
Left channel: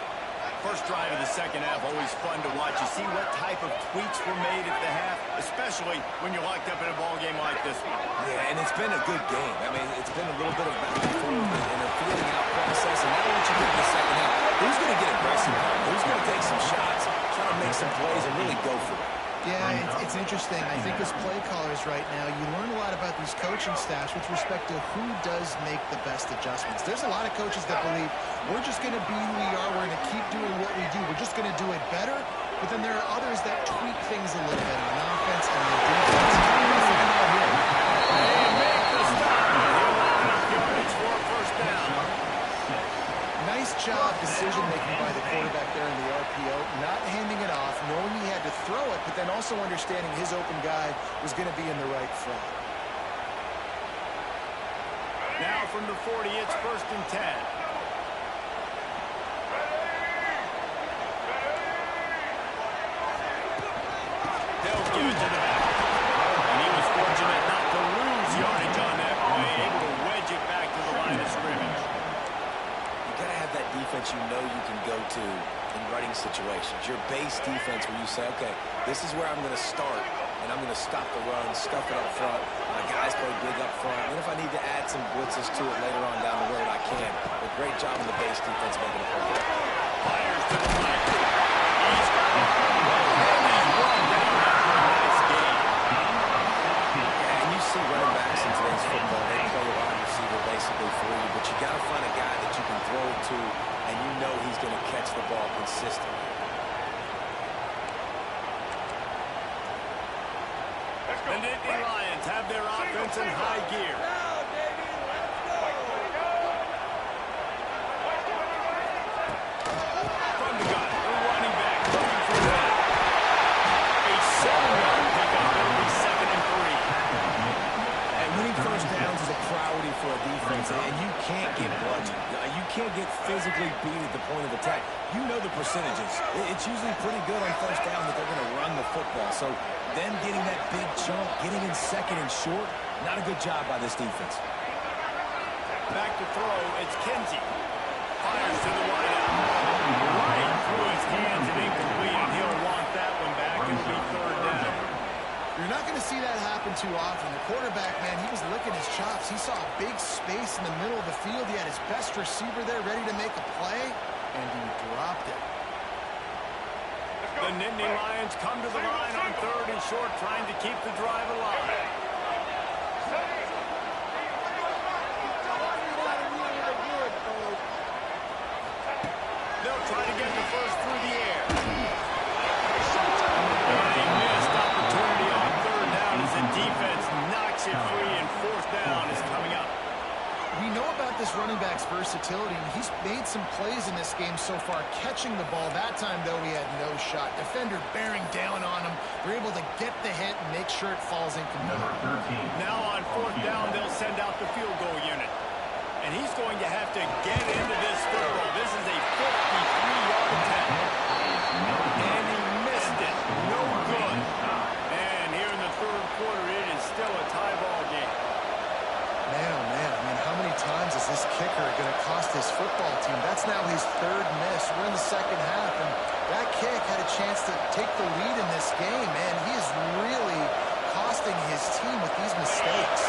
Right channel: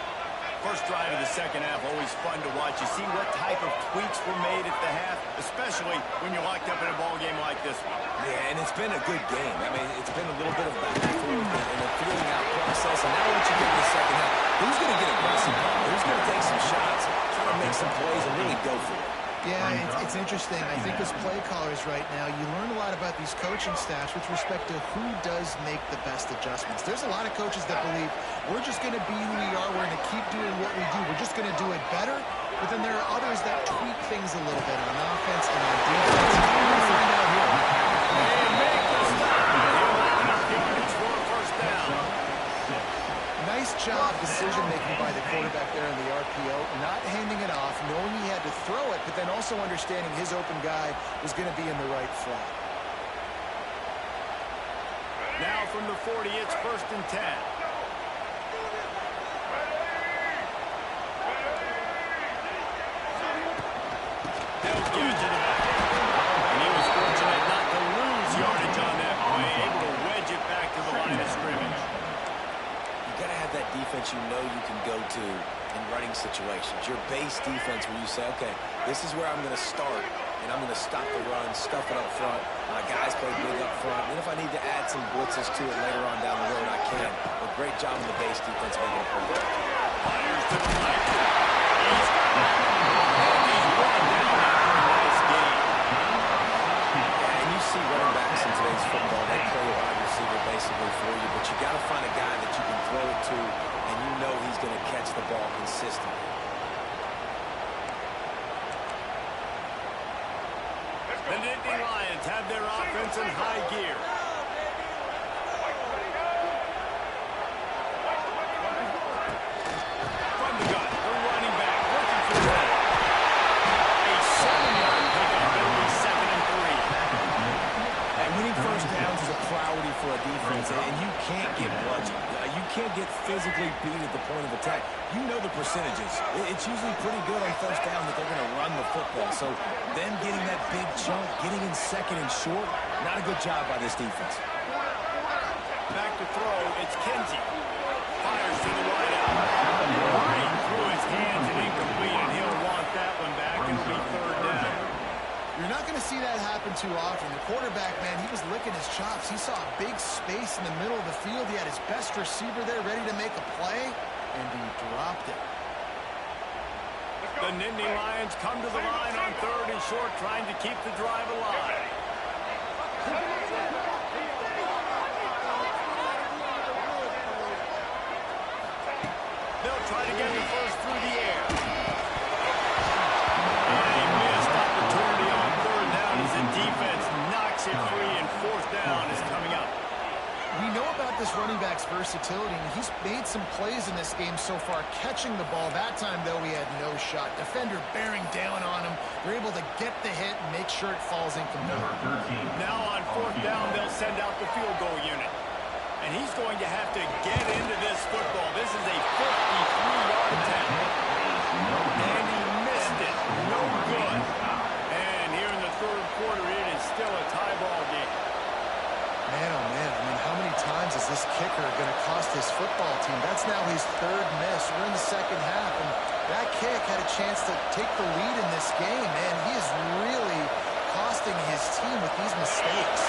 First drive of the second half, always fun to watch. You see what type of tweaks were made at the half, especially when you're locked up in a ball game like this one. Yeah, and it's been a good game. I mean, it's been a little bit of back and forth and a feeling out process. And now once you get in the second half, who's going to get aggressive on it? Who's going to take some shots, try to make some plays, and really go for it? Yeah, it's interesting. I think as play callers right now, you learn a lot about these coaching staffs with respect to who does make the best adjustments. There's a lot of coaches that believe we're just going to be who we are. We're going to keep doing what we do. We're just going to do it better. But then there are others that tweak things a little bit on offense and on defense. We're going to find out here. They make the stop. He'll have enough yardage for a first down. Nice job decision-making by the quarterback there in the RPO, not handing it off, knowing he had to throw it, but then also understanding his open guy was going to be in the right flat. Now from the 40, it's 1st and 10. They'll give it to the back. And he was fortunate not to lose yardage on that play, able to wedge it back to the line of scrimmage. You got to have that defense you know you can go to in running situations. Your base defense where you say, okay, this is where I'm going to start, and I'm going to stop the run, stuff it up front. My guys play big up front. And if I need to add some blitzes to it later on down the road, I can. But great job in the base defense making a play. Fires to the right. He's got it. And he's run down after a nice game. Yeah, and you see running backs in today's football, they play a wide receiver basically for you, but you got to find a guy that you can throw it to, and you know he's going to catch the ball consistently. The Nittany Lions have their offense in high gear. From the gun, the running back looking for that. A 7-yard pickup. It'll be 2nd and 3. And winning first downs is a priority for a defense, and you can't get bludgeoned. You can't get physically beat at the point of attack. You know the percentages. It's usually pretty good on first down that they're going to run the football. So them getting that big chunk, getting in 2nd and short, not a good job by this defense. Back to throw, it's Kinsey. Fires to the wideout. Right through his hands and incomplete, and he'll want that one back. It'll be 3rd down. You're not going to see that happen too often. The quarterback, man, he was licking his chops. He saw a big space in the middle of the field. He had his best receiver there ready to make a play, and he dropped it. The Nittany Lions come to the line on 3rd and short, trying to keep the drive alive. They'll try to get the first through the air. And a missed opportunity on 3rd down as the defense knocks it free, and 4th down is coming up. We know about this running back's versatility, and he's made some plays in this game so far, catching the ball. That time, though, he had no shot. Defender bearing down on him. They're able to get the hit and make sure it falls incomplete. Now on 4th down, they'll send out the field goal unit. And he's going to have to get into this football. This is a 53-yard attempt. And he missed it. No good. And here in the 3rd quarter, it is still a tie ball game. Man, oh man, I mean, how many times is this kicker going to cost his football team? That's now his 3rd miss. We're in the 2nd half, and that kick had a chance to take the lead in this game, man. He is really costing his team with these mistakes.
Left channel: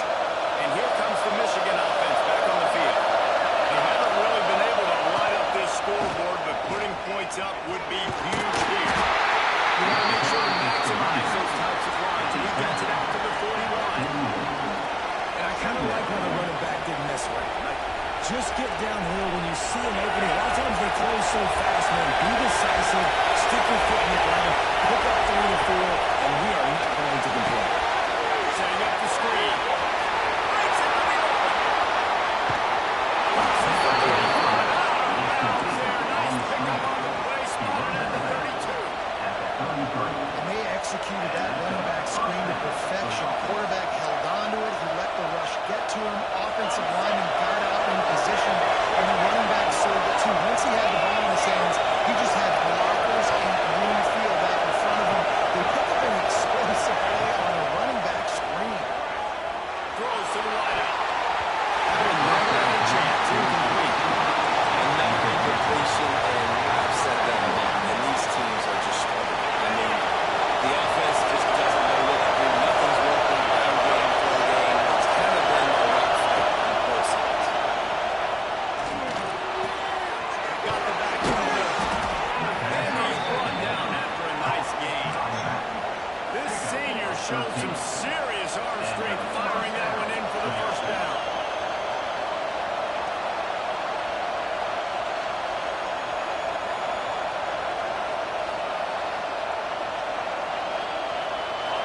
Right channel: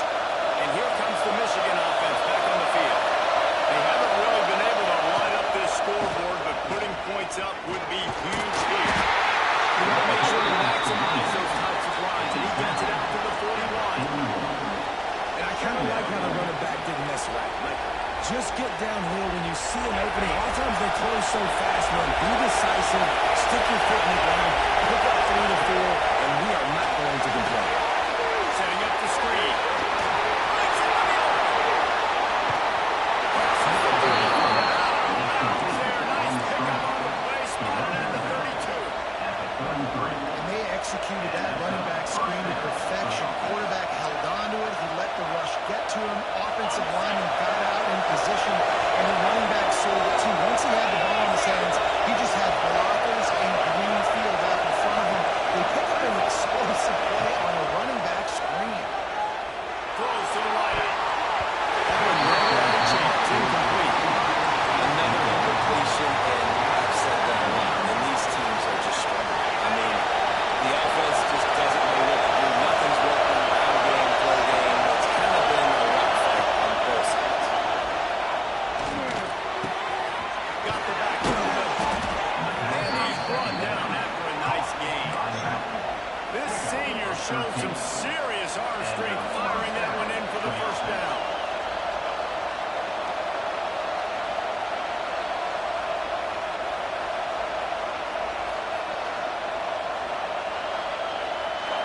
And here comes the Michigan offense back on the field. They haven't really been able to light up this scoreboard, but putting points up would be huge here. You want to make sure to maximize those types of runs, and he gets it out to the 41. And I kind of like how the running back didn't mess around. Like, just get downhill when you see an opening. A lot of times they close so fast, man. Be decisive, stick your foot in the ground, pick up 3 to 4, and we are not going to complain. Setting up the screen. Breaks into the open. Crosses the 35. Out of bounds there. Nice pickup on the play. Spotted at the 32. And they executed that running back screen to perfection. Quarterback held on to it. He let the rush get to him. Offensive lineman got out in position, and the running back sold it too. Once he had the ball in his hands, he just had blockers in green field out in front of him. They picked up an explosive play on a running back screen. Throws to the wideout. That one never had a chance. Incomplete. Another incompletion, and I've said that defender showed some serious arm strength, firing that one in for the first down.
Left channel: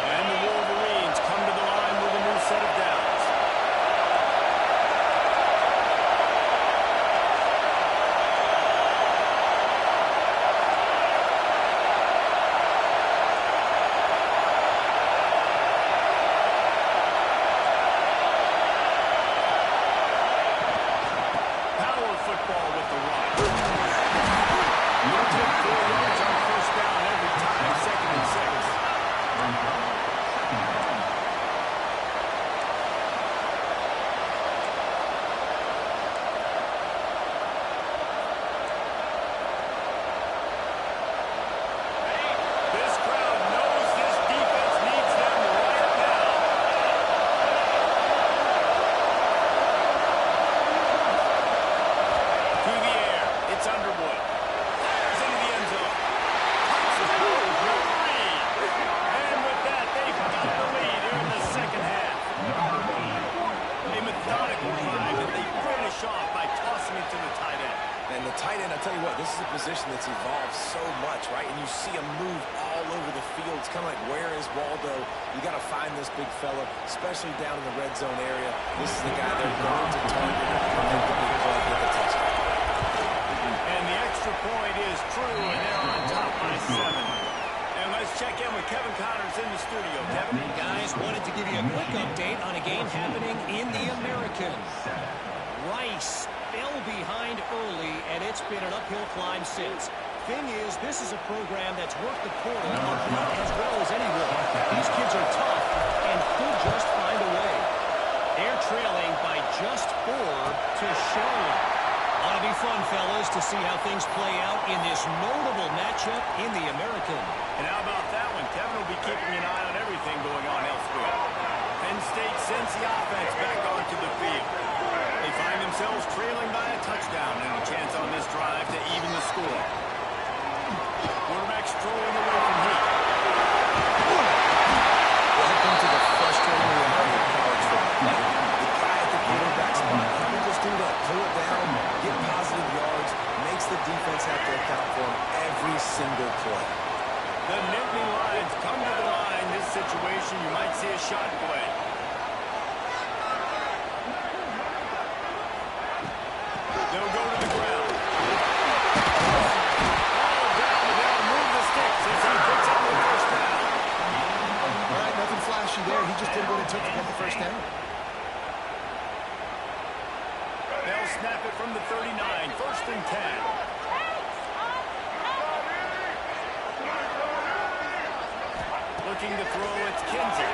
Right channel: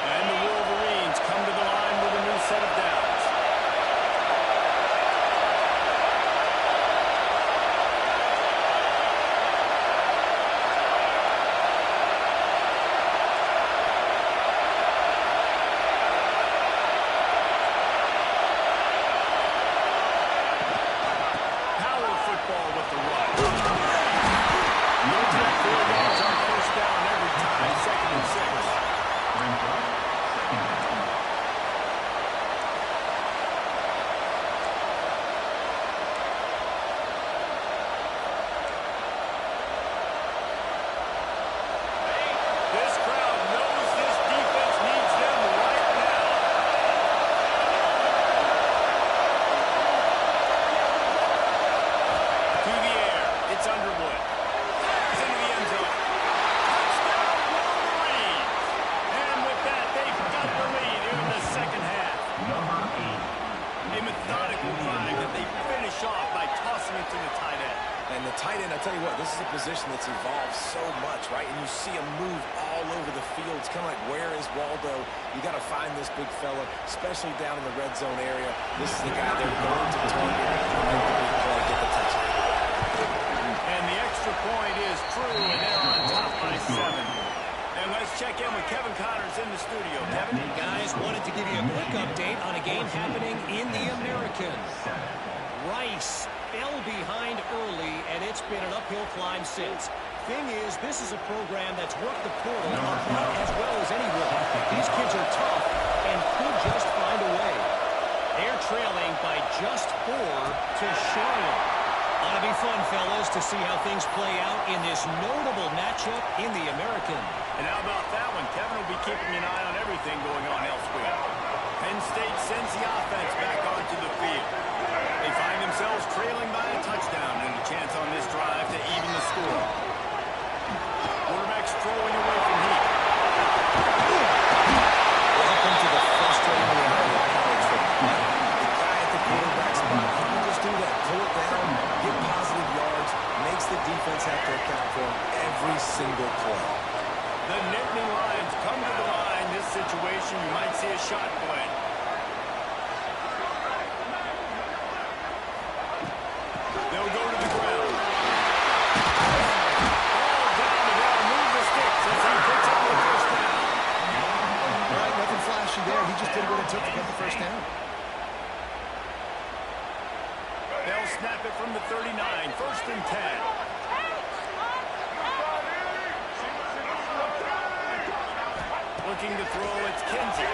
And the Wolverines come to the line with a new set of downs. Football with the run. You'll take 4 yards on first down every time. 2nd and 6. Brings up 2nd down. This crowd knows this defense needs them right now. To the air, it's Underwood. It's into the end zone. Touchdown, Wolverines! And with that, they've got the lead here in the second half. Number 8. A methodical drive that they finish off by tossing it to the tight end. And the tight end, I tell you what, this is a position that's evolved so much, right? And you see him move all over the field. It's kind of like, where is Waldo? You got to find this big fella, especially down in the red zone area. This is the guy they're going to target and make the big play, get the touchdown. And the extra point is true, and they're on top by 7. And let's check in with Kevin Connors in the studio. Kevin? Guys, wanted to give you a quick update on a game happening in the American. Rice fell behind early, and it's been an uphill climb since. Thing is, this is a program that's worked the portal about as well as anyone. These kids are tough and could just find a way. They're trailing by just 4 to Charlotte. Ought to be fun, fellas, to see how things play out in this notable matchup in the American. And how about that one? Kevin will be keeping an eye on everything going on elsewhere. Penn State sends the offense back onto the field. They find themselves trailing by a touchdown and a chance on this drive to even the score. Quarterback's throwing away from heat. Welcome to the frustrating reality of college football. The guy at the quarterback spot, he can just do that. Pull it down, get positive yards, makes the defense have to account for him every single play. The Nittany Lions come to the line. This situation, you might see a shot play. They'll go to the ground. Ball down, and they'll move the sticks as he picks up the first down. All right, nothing flashy there. He just did what it took to get the first down. They'll snap it from the 39, 1st and 10. Looking to throw, it's Kinsey.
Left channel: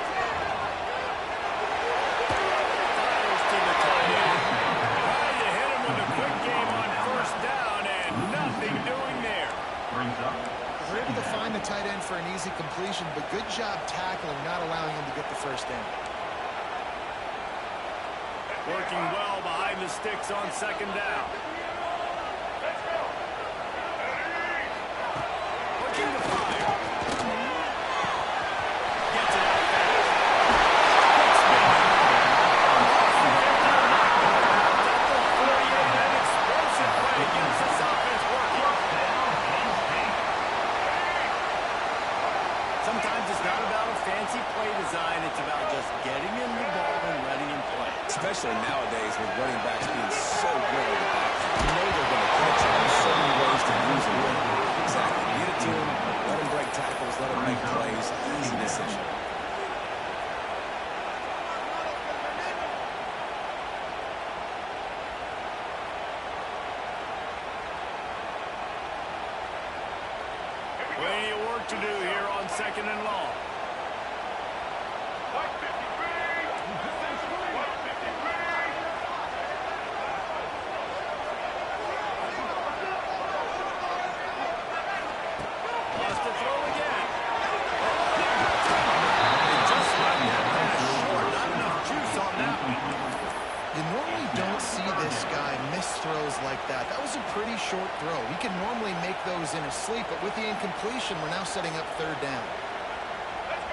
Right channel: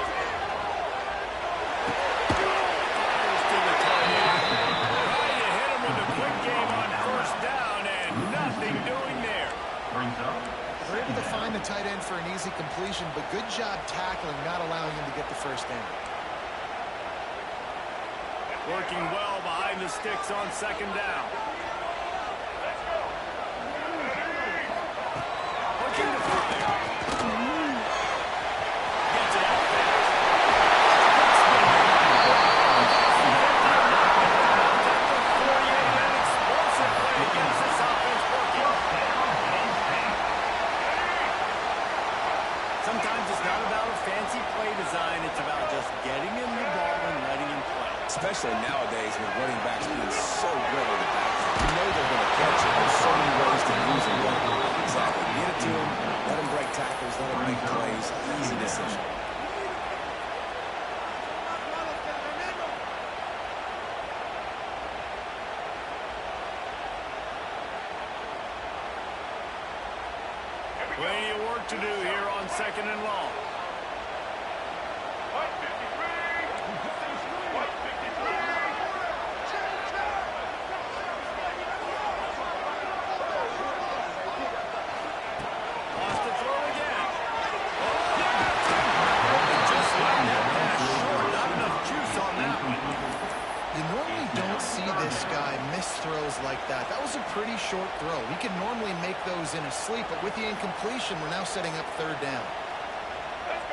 Fires to the tight end. Trying to hit him with a quick game on first down, and nothing doing there. Brings up. We're able to find the tight end for an easy completion, but good job tackling, not allowing him to get the first down. Working well behind the sticks on 2nd down. Looking to fire. Gets it out fast. Quick spin. At the 48, an explosive play against this offense working. Sometimes it's not about a fancy play design. It's about just getting him the ball and letting him play. Especially nowadays with running backs being so good on the back. You know they're going to catch it. There's so many ways to use them. Exactly. Get it to them. Let them break tackles. Let them make plays. Easy decision. Plenty of work to do here on 2nd and long. Lost the throw again. They just left that pass short. Not enough juice on that one. You normally don't see this guy miss throws like that. That was a pretty short throw. He can normally make those in his sleep, but with the incompletion, we're now setting up 3rd down.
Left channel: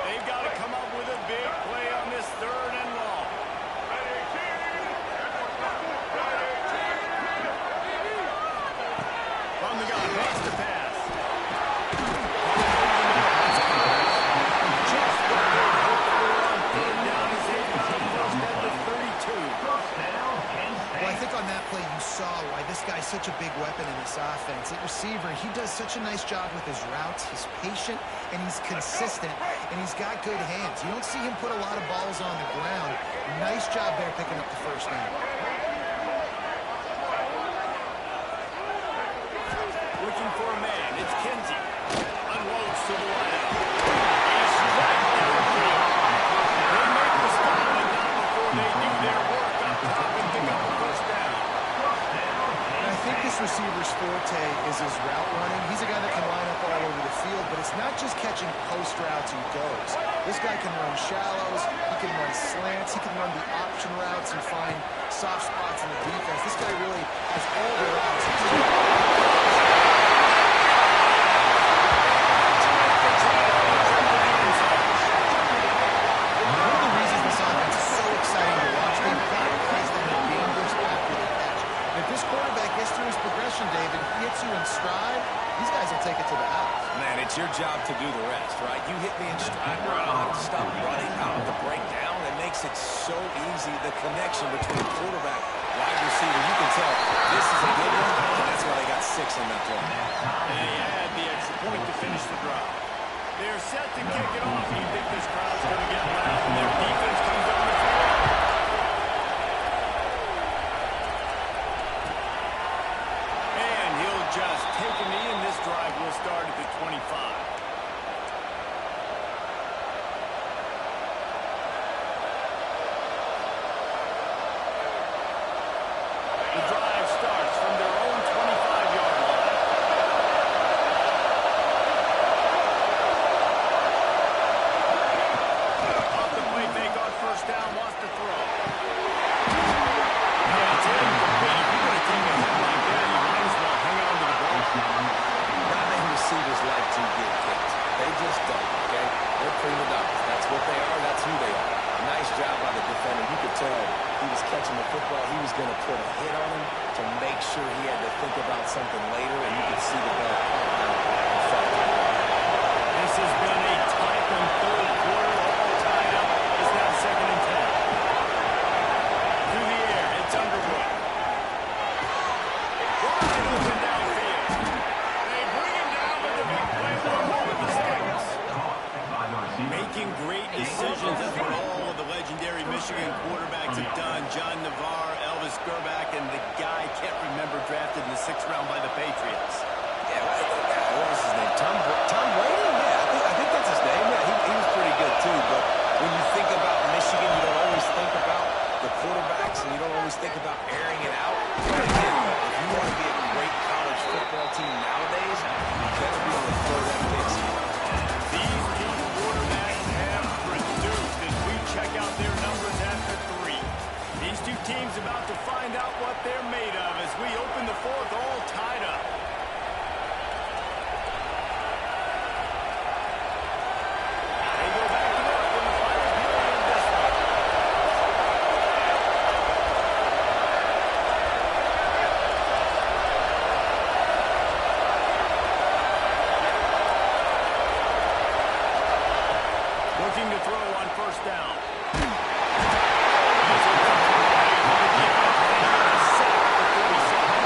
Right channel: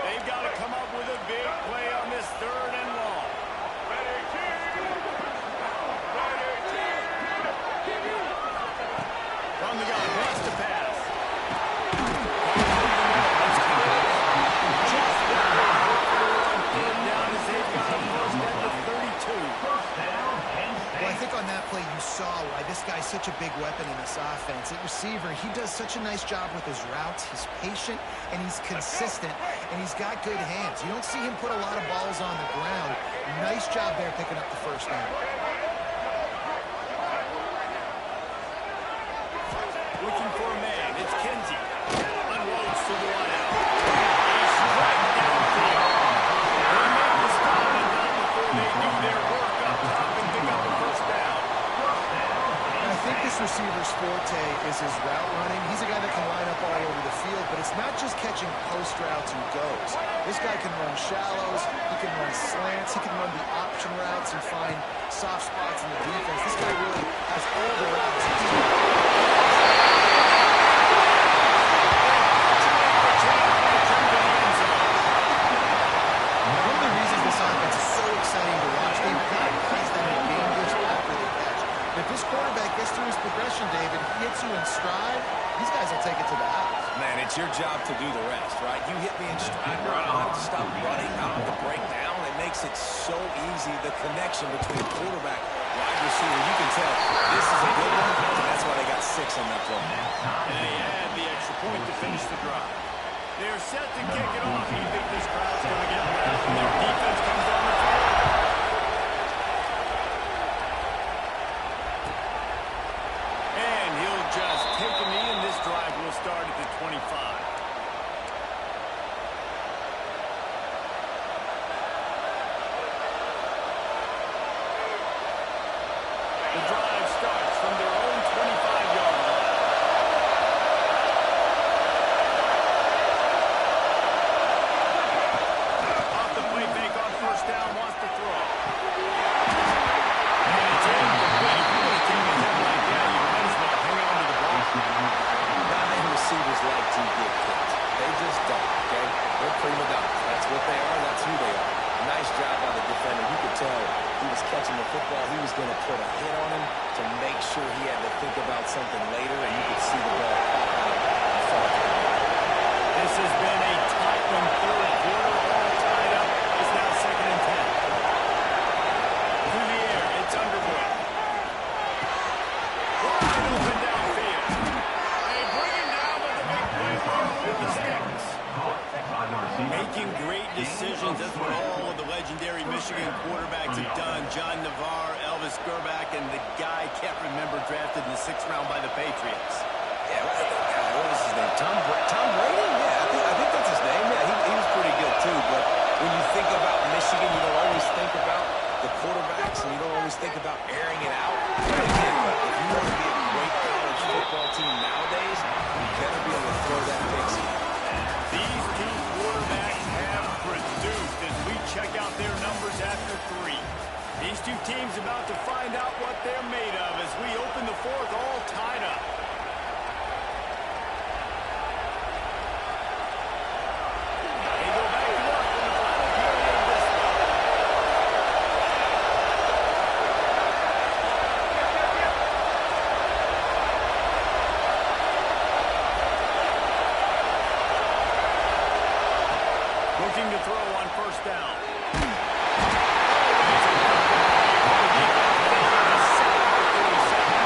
They've got to come up with a big play on this 3rd and long. From the gun, wants to pass. Just what they hoped for on 3rd down as they've got a first at the 32. Well, I think on that play you saw why this guy's such a big weapon in this offense. At receiver, he does such a nice job with his routes. He's patient, and he's consistent, and he's got good hands. You don't see him put a lot of balls on the ground. Nice job there picking up the first down. Looking for a man. It's Kinsey. Unloads to the wideout. He's right downfield. They make the stop, but not before they do their work up top and pick up a first down. And I think this receiver's forte is his route running. He's a guy that can line up all over the field, but it's not just catching post routes and goes. This guy can run shallows, he can run slants, he can run the option routes and find soft spots in the defense. This guy really has all the routes. One of the reasons this offense is so exciting to watch, they've got guys that are dangerous after the catch. And if this quarterback gets through his progression, David, he hits you in stride, these guys will take it to the house. Man, it's your job to do the rest, right? You hit me in stride where I don't have to stop running, I don't have to break down. It makes it so easy, the connection between quarterback, wide receiver. You can tell this is a good one, and that's why they got 6 on that play. They had the extra point to finish the drive. They're set to kick it off. You think this crowd's going to get loud when their defense comes on the field? And he'll just take a knee, and this drive will start at the 25. The drive starts from their own 25-yard line. Off the play fake on first down, wants to throw. And it's incomplete. If you're going to take a hit like that, you might as well hang on to the ball. Not many receivers like to get kicked. They just don't, okay? They're prima donnas. That's what they are. That's who they are. Nice job by the defender. You could tell he was catching the football. He was going to put a hit on him to make sure he had to think about something later, and you could see the ball pop out and fall to the ground. This has been a tight one, 3rd quarter, all tied up. It's now 2nd and 10. Through the air, it's Underwood. Wide open downfield. They bring him down with the big play with the sticks. Making great decisions. That's what all of the legendary Michigan quarterbacks have done. John Navarre, Elvis Gerbach, and the guy can't remember drafted in the 6th round by the Patriots. Yeah, what was his name? Tom Brady? Yeah, I think that's his name. Yeah, he was pretty good too. But when you think about Michigan, you don't always think about the quarterbacks, and you don't always think about airing it out. But again, if you want to be a great college football team nowadays, you better be able to throw that pick skin. These two quarterbacks have produced as we check out their numbers after 3. These two teams about to find out what they're made of as we open the 4th all tied up. They go back to work in the final period of this one. Looking to throw on first down. Always a wonderful play for the defense. They get a sack at the 37.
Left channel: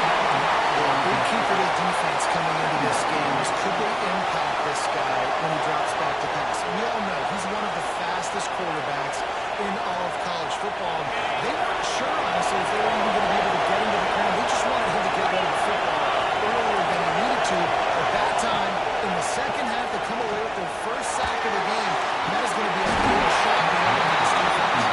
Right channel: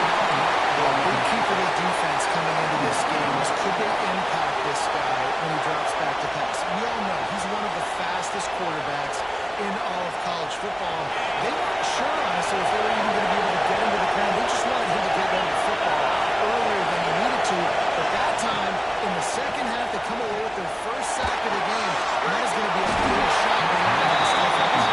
Well, a big key for this defense coming into this game is could they impact this guy when he drops back to pass? We all know he's one of the fastest quarterbacks in all of college football. They weren't sure, honestly, if they were even going to be able to get him to the ground. They just wanted him to get rid of the football earlier than he needed to. But that time, in the second half, they come away with their first sack of the game, and that is going to be a big shot in the arm of this defense.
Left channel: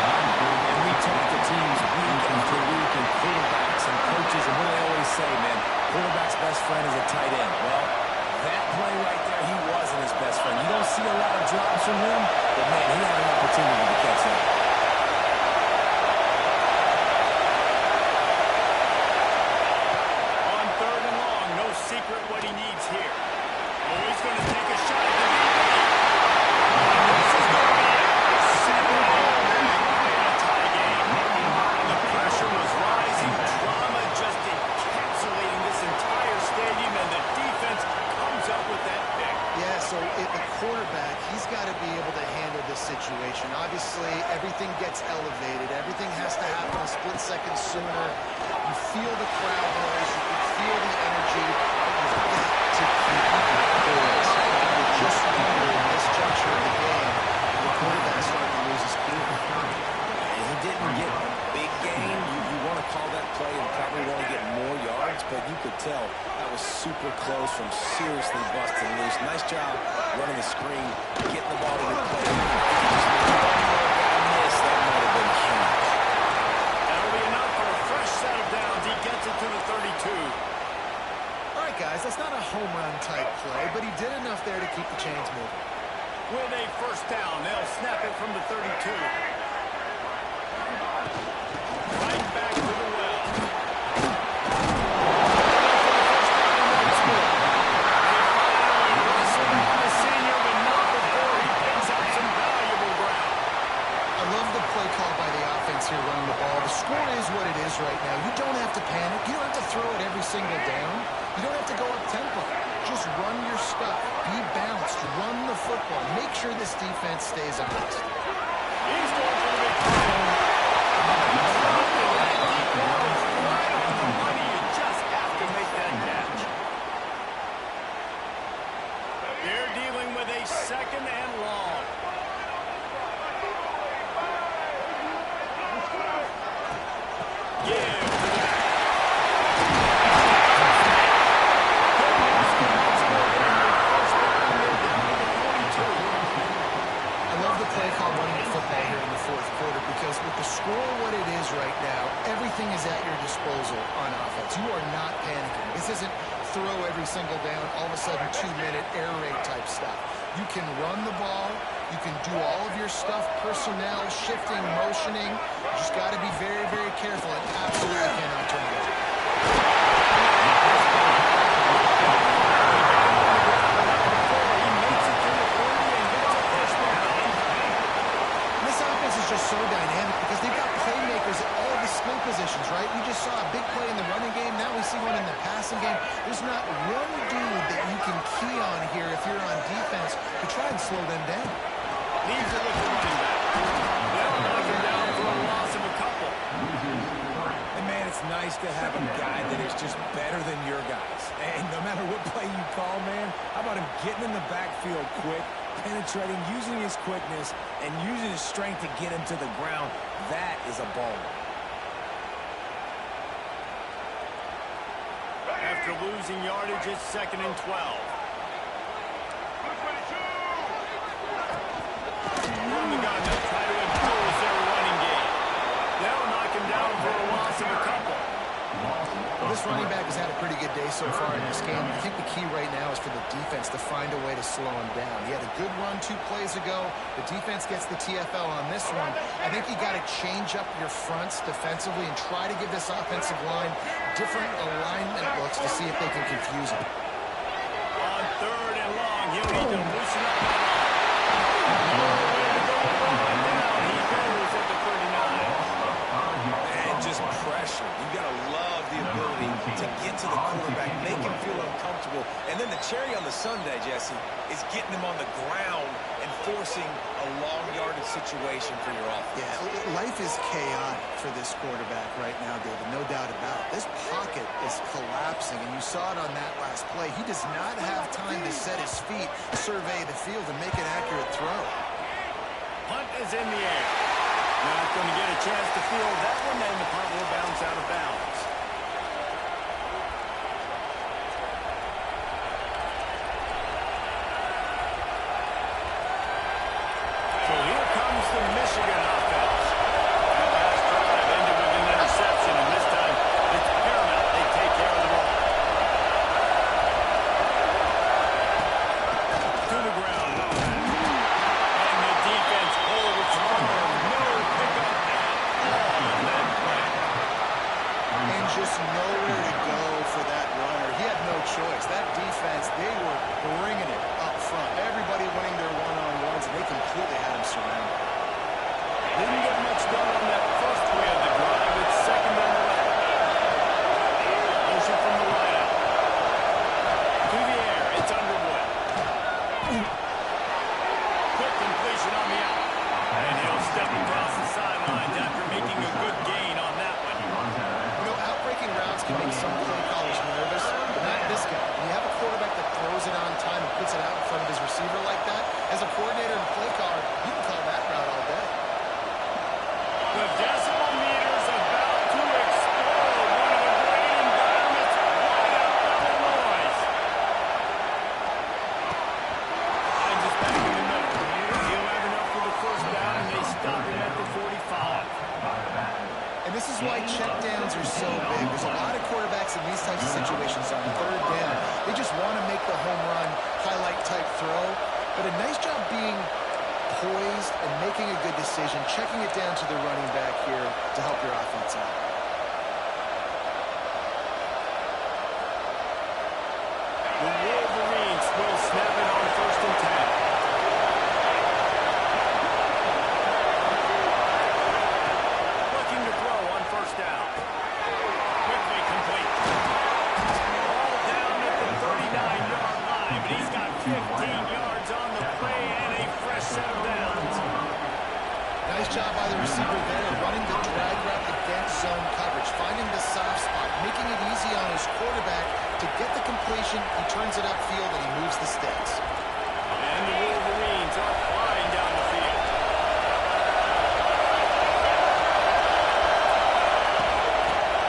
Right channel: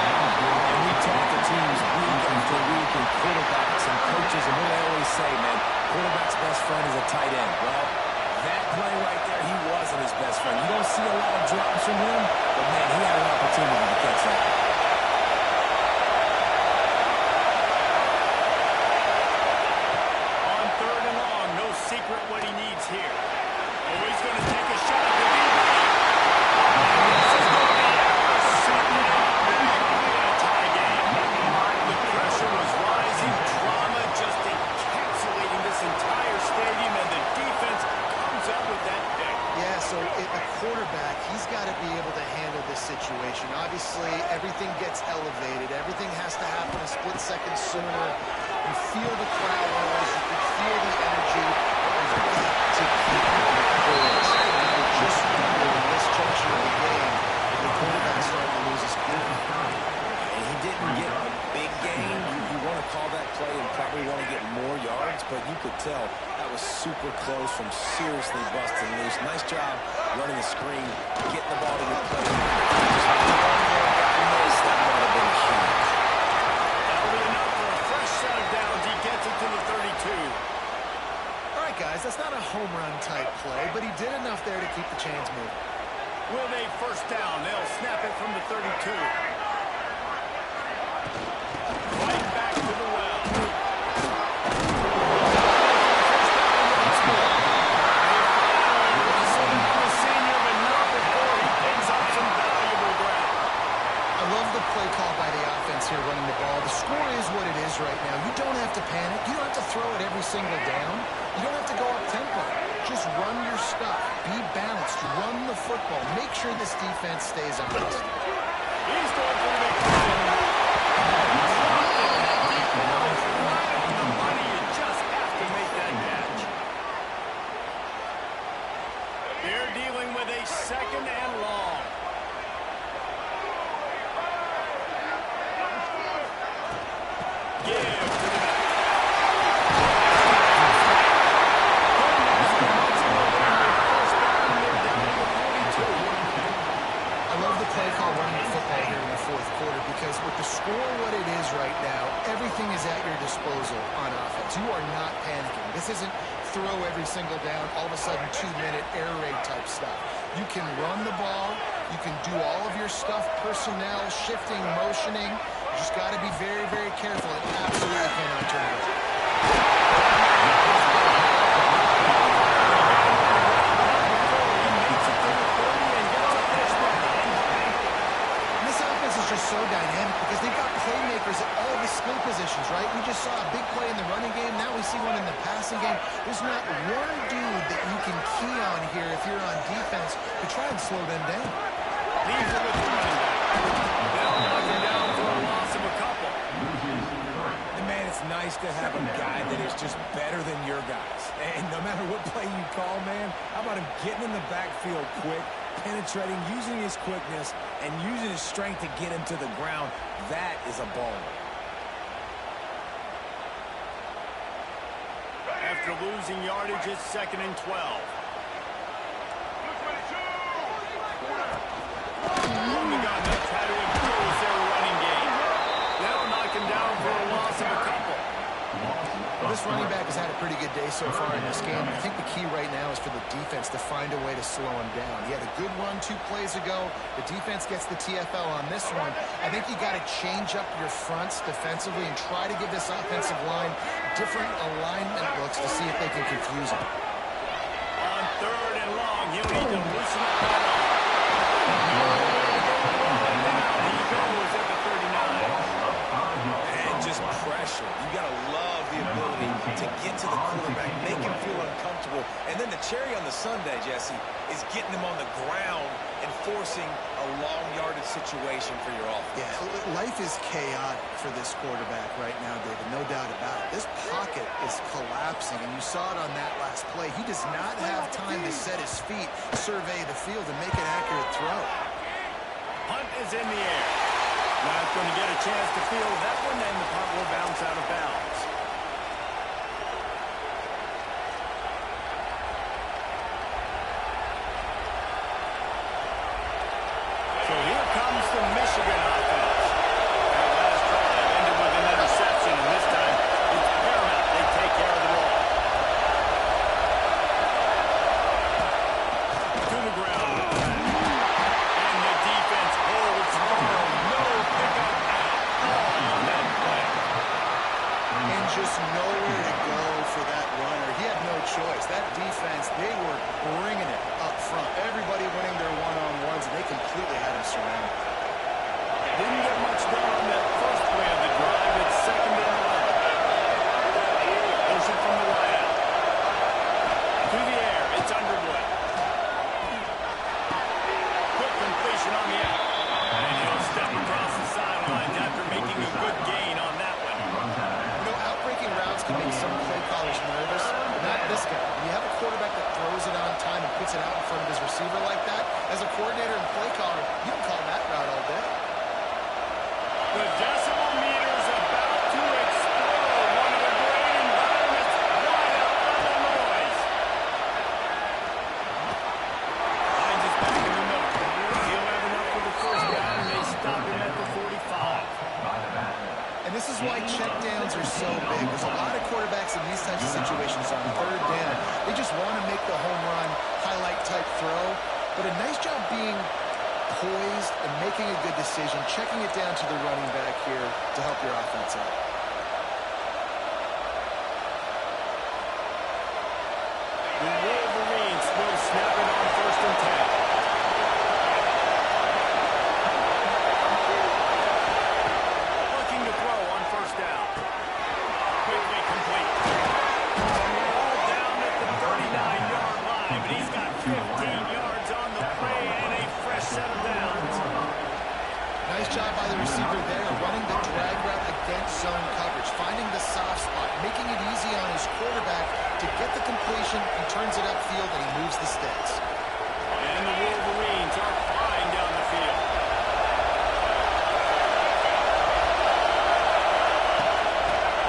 And we talk to teams week after week, and quarterbacks and coaches, and what do they always say, man? Quarterback's best friend is a tight end. Well, that play right there, he wasn't his best friend. You don't see a lot of drops from him, but, man, he had an opportunity to catch that. On 3rd and long, no secret what he needs here. Oh, he's going to take a shot at the DB. And this is quarterback, he's got to be able to handle this situation. Obviously, everything gets elevated. Everything has to happen a split second sooner. You feel the crowd noise. You can feel the energy. But you've got to keep your course. You're just wondering in this juncture of the game if the quarterback's starting to lose his cool. He didn't get a big gain. You want to call that play and probably want to get more yards, but you could tell that was super close from seriously busting loose. Nice job running the screen, getting the ball to the play. Just one more guy missed, that might have been huge. That'll be enough for a fresh set of downs. He gets it to the 32. All right, guys, that's not a home run type play, but he did enough there to keep the chains moving. With a first down, they'll snap it from the 32. Right back to the well. Once more. They finally wrestle down the senior, but not before he picks up some valuable ground. I love the play call by the offense here running the ball. The score is what it is right now. You don't have to panic. You don't have to throw it every single down. You don't have to go up tempo. Just run your stuff. Be balanced. Run the football. Make sure this defense stays honest. He's going for the big play. That deep ball is right on the money. You just have to make that catch. They're dealing with a second and long. Give to the back. I love the play call running the football here in the fourth quarter because with the score what it is right now, everything is at your disposal on offense. You are not panicking. This isn't throw every single down, all of a sudden 2-minute air raid type stuff. You can run the ball. You can do all of your stuff, personnel, shifting, motioning. You just got to be very, very careful and absolutely cannot turn it over. Is just so dynamic because they've got playmakers at all the skill positions, right? We just saw a big play in the running game. Now we see one in the passing game. There's not one dude that you can key on here if you're on defense to try and slow them down. Leaves it with the running back. They'll knock him down for a loss of a couple. And man, it's nice to have a guy that is just better than your guys. And no matter what play you call, man, how about him getting in the backfield quick, penetrating, using his quickness, and using his strength to get him to the ground? That is a baller. After losing yardage, it's 2nd and 12. From the gun, they'll try to impose their running game. They'll knock him down for a loss of a couple. Well, this running back has had a pretty good day so far in this game. I think the key right now is for the defense to find a way to slow him down. He had a good run 2 plays ago. The defense gets the TFL on this one. I think you got to change up your fronts defensively and try to give this offensive line different alignment looks to see if they can confuse him. On 3rd and long, he'll need to loosen up that arm. Nowhere to go and down. He goes at the 39. And just pressure. You got to love the ability to get to the quarterback, make him feel uncomfortable. And then the cherry on the sundae, Jesse, is getting him on the ground and forcing a long yardage situation for your offense. Yeah, life is chaotic for this quarterback right now, David, no doubt about it. This pocket is collapsing, and you saw it on that last play. He does not have time to set his feet, survey the field, and make an accurate throw. Punt is in the air. Not going to get a chance to field that one, and the punt will bounce out of bounds. So here comes the Michigan offense. That last drive ended with an interception, and this time it's paramount they take care of the ball. To the ground with the back. And the defense holds firm. No pickup at all on that play. And just nowhere to go for that runner. He had no choice. That defense, they were bringing it up front. Everybody winning their one-on-ones, and they completely had him surrounded. Didn't get much done on that first play of the drive. It's 2nd and 11. Motion from the wideout. To the air. It's Underwood. position on the out. And he'll step across the sidelines after making a good gain on that one. You know, outbreaking routes can make some play callers nervous, but not this guy. When you have a quarterback that throws it on time and puts it out in front of his receiver like that, as a coordinator and play caller, you can call that route all day. The decimal meter's about to explode. One of the great environments. Wide out level noise. Hines is back in the middle. He'll have enough for the first down, and they stop him at the 45. And this is why checkdowns are so big. There's a lot of quarterbacks in these types of situations on third down. They just want to make the home run, highlight-type throw. But a nice job being poised and making a good decision, checking it down to the running back here to help your offense out. The Wolverines will snap it on 1st and 10. Looking to throw on 1st down. Quickly complete. Ball down at the 39-yard line, but he's got 15 yards on the play and a fresh set of downs. Nice job by the receiver there, running the drag route against zone coverage, finding the soft spot, making it easy on his quarterback to get the completion. He turns it upfield and he moves the sticks. And the Wolverines are flying down the field.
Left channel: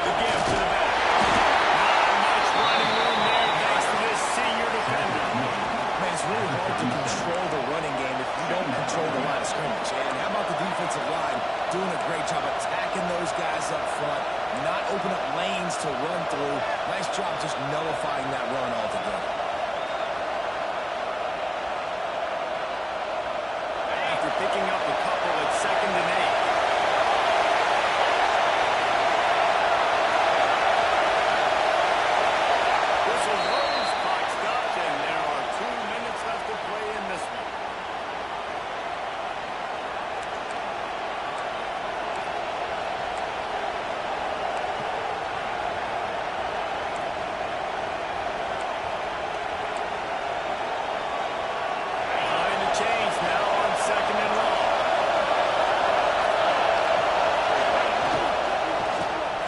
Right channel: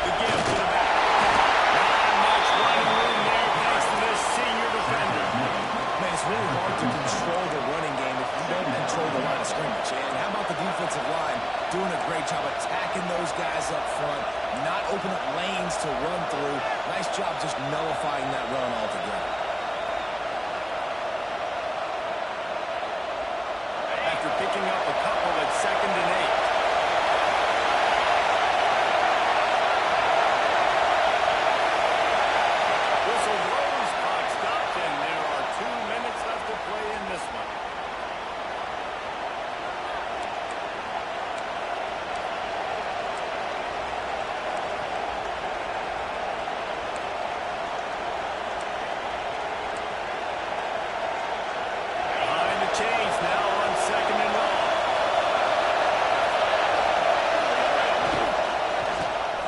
The give to the back. Not much running room there thanks to this senior defender. Man, it's really hard to control the running game if you don't control the line of scrimmage. And how about the defensive line doing a great job attacking those guys up front, not open up lanes to run through. Nice job just nullifying that run altogether. After picking up a couple at 2nd and 8. Whistle blows, clock stops, and there are 2 minutes left to play in this one. Behind the chains now on 2nd and long.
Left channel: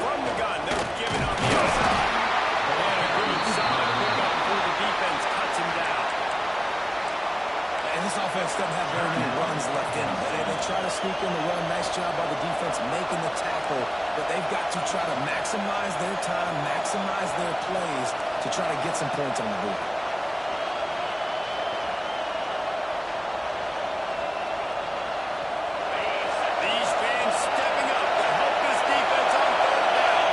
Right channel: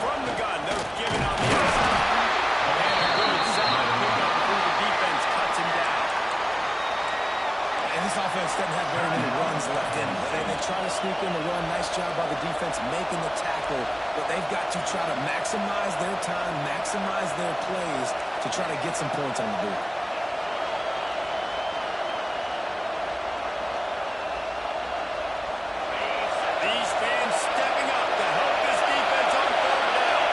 From the gun, they're giving on the outside. And a good solid pickup before the defense cuts him down. And this offense doesn't have very many runs left in them. They try to sneak in the run. Nice job by the defense making the tackle. But they've got to try to maximize their time, maximize their plays to try to get some points on the board. These fans stepping up to help this defense on 3rd down.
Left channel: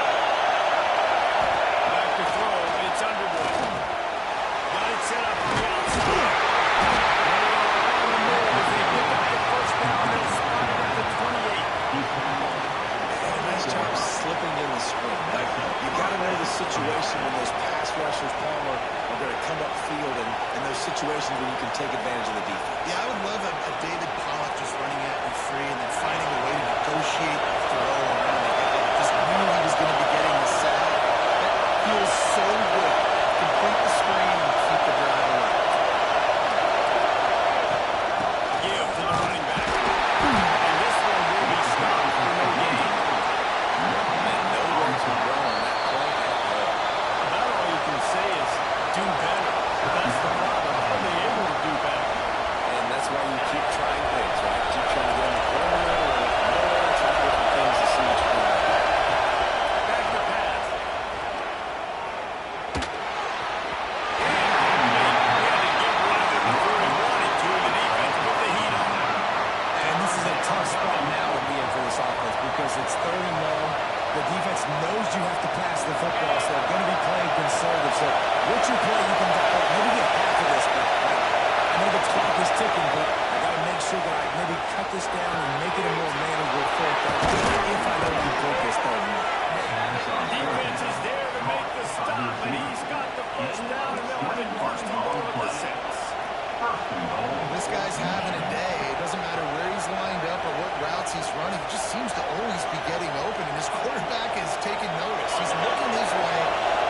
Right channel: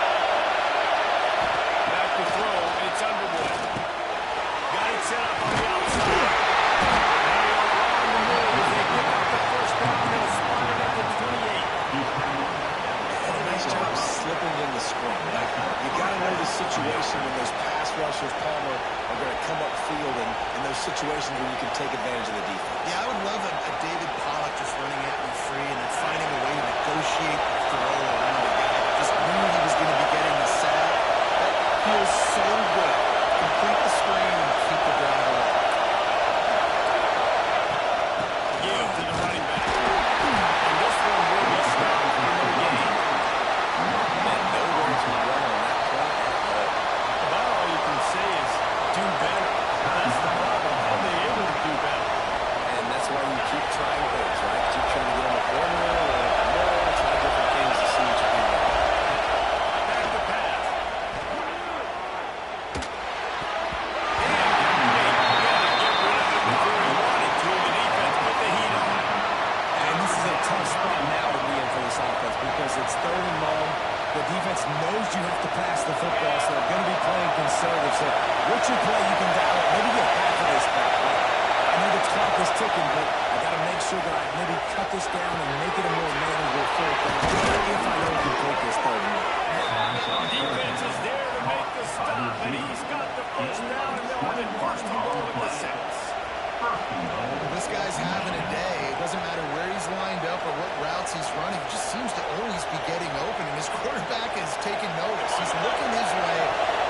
Back to throw, it's Underwood. Got it set up on the outside. They are on the move as they pick up the 1st down. They'll spot it at the 28. And a nice job slipping in the screen. Like, you got to know the situation when those pass rushers, Palmer, are going to come up field and those situations where you can take advantage of the defense. Yeah, I would love a David Pollock just running at me free and then finding a way to negotiate the throw around a guy that just knew he was going to be getting the sack. That feels so good. Complete the screen and keep the drive alive. Give to the running back. And this one will be stopped for no gain. And nowhere to run on that play at all. About all you can say is do better. That's the problem. How are they able to do better? And that's why you keep trying things, right? Keep trying to get on the perimeter or more, try different things to see what you can do. Back to pass. Incomplete. He had to get rid of it before he wanted to. The defense put the heat on him. And this is a tough spot now to be in for this offense because it's 3rd and long. The defense knows you have to pass the football, so they're going to be playing conservative. So what's your play you can dial up? Maybe get half of this back. Like, I know the clock is ticking, but I got to make sure that I maybe cut this down and make it a more manageable 4th down if I know I can take this 3rd and long. Defense is there to make the stop, and he's got the 1st down, and they'll have it 1st and goal at the 6. This guy's having a day. It doesn't matter where he's lined up or what routes he's running. He just seems to always be getting open, and his quarterback is taking notice. He's looking his way.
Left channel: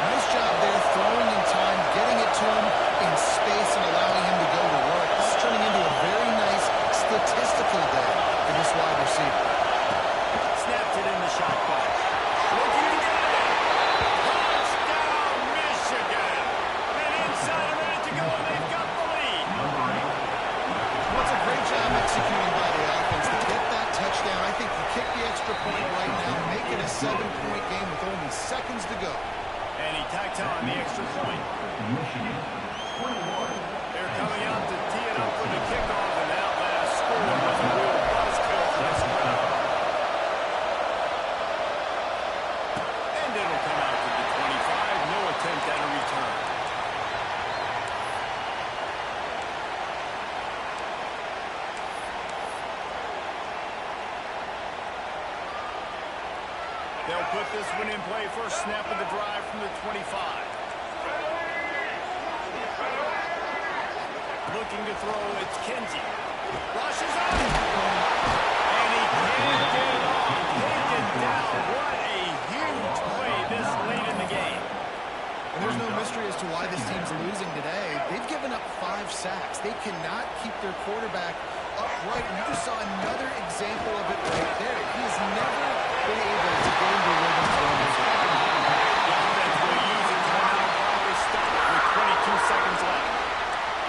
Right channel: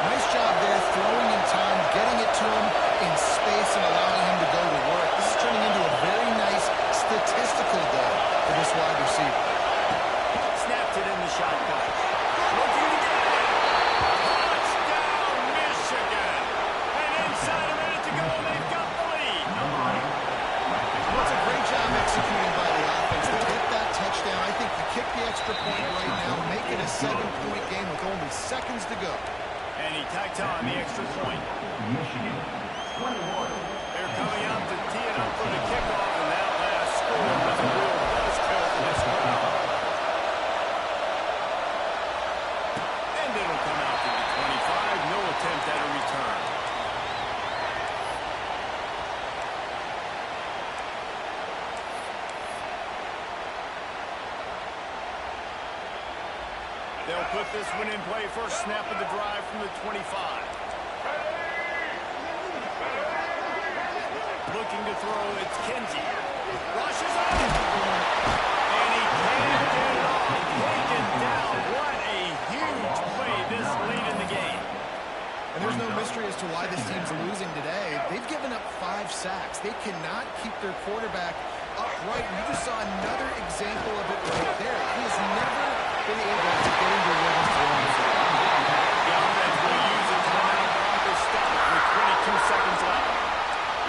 Nice job there, throwing in time, getting it to him in space and allowing him to go to work. This is turning into a very nice statistical job executing by the offense to get that touchdown. I think you kick the extra point right now, make it a 7-point game with only seconds to go. And he tacked on the extra point. Michigan, 21. They're coming out to tee it up for the kickoff, and that last score was a real buzzkill for this crowd. And it'll come out to the 25. No attempt at a return. They'll put this one in play. First snap of the drive from the 25. Looking to throw, it's Kinsey. Rushes on it. And he can't get it off. Taken down. What a huge play this late in the game. And there's no mystery as to why this team's losing today. They've given up 5 sacks. They cannot keep their quarterback upright. You just saw another example of it right there. He has never been able to get into rhythm throwing the ball. The offense will use its timeout clock to stop with 22 seconds left.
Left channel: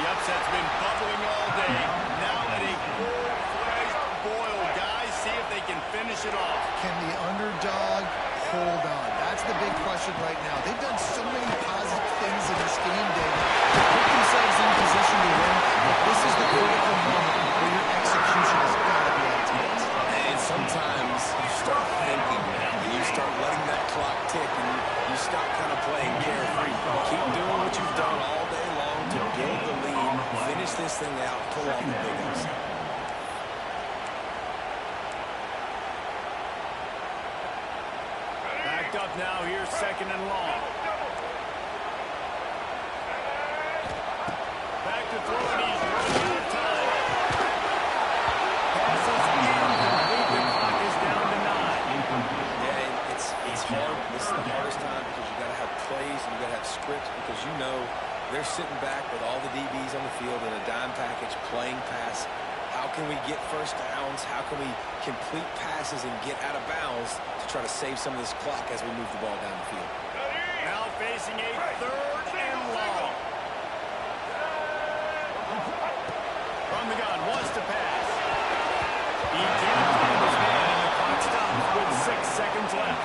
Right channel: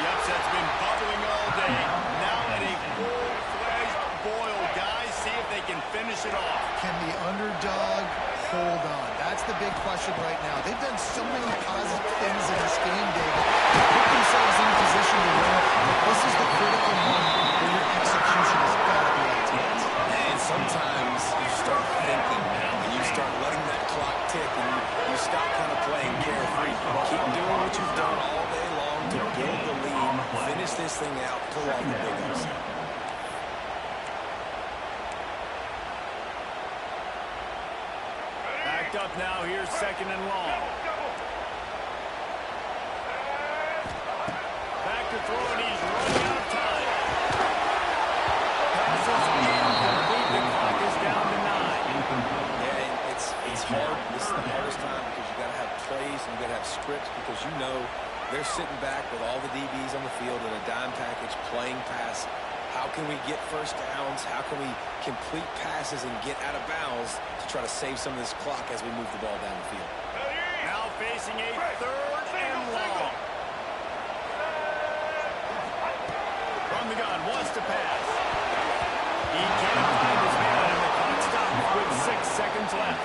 The upset's been bubbling all day. Now at a full-fledged boil. Guys, see if they can finish it off. Can the underdog hold on? That's the big question right now. They've done so many positive things in this game, David, to put themselves in position to win, but this is the critical moment where your execution has got to be at its best. And sometimes you start thinking now, when you start letting that clock tick and you stop kind of playing carefree. Keep doing what you've done all day long to build the lead, finish this thing out, pull off the big upset. Backed up now. Here's second and long. Back to throw, and he's running out of time. Passes incomplete. The clock is down to 9. Yeah, and it's hard. This is the hardest time because you got to have plays and you got to have scripts because you know they're sitting back with all the DBs on the field in a dime package playing pass. How can we get first downs? How can we complete passes and get out of bounds to try to save some of this clock as we move the ball down the field? Now facing a third and long. From the gun, wants to pass. He can't find his man, and the clock stops with 6 seconds left.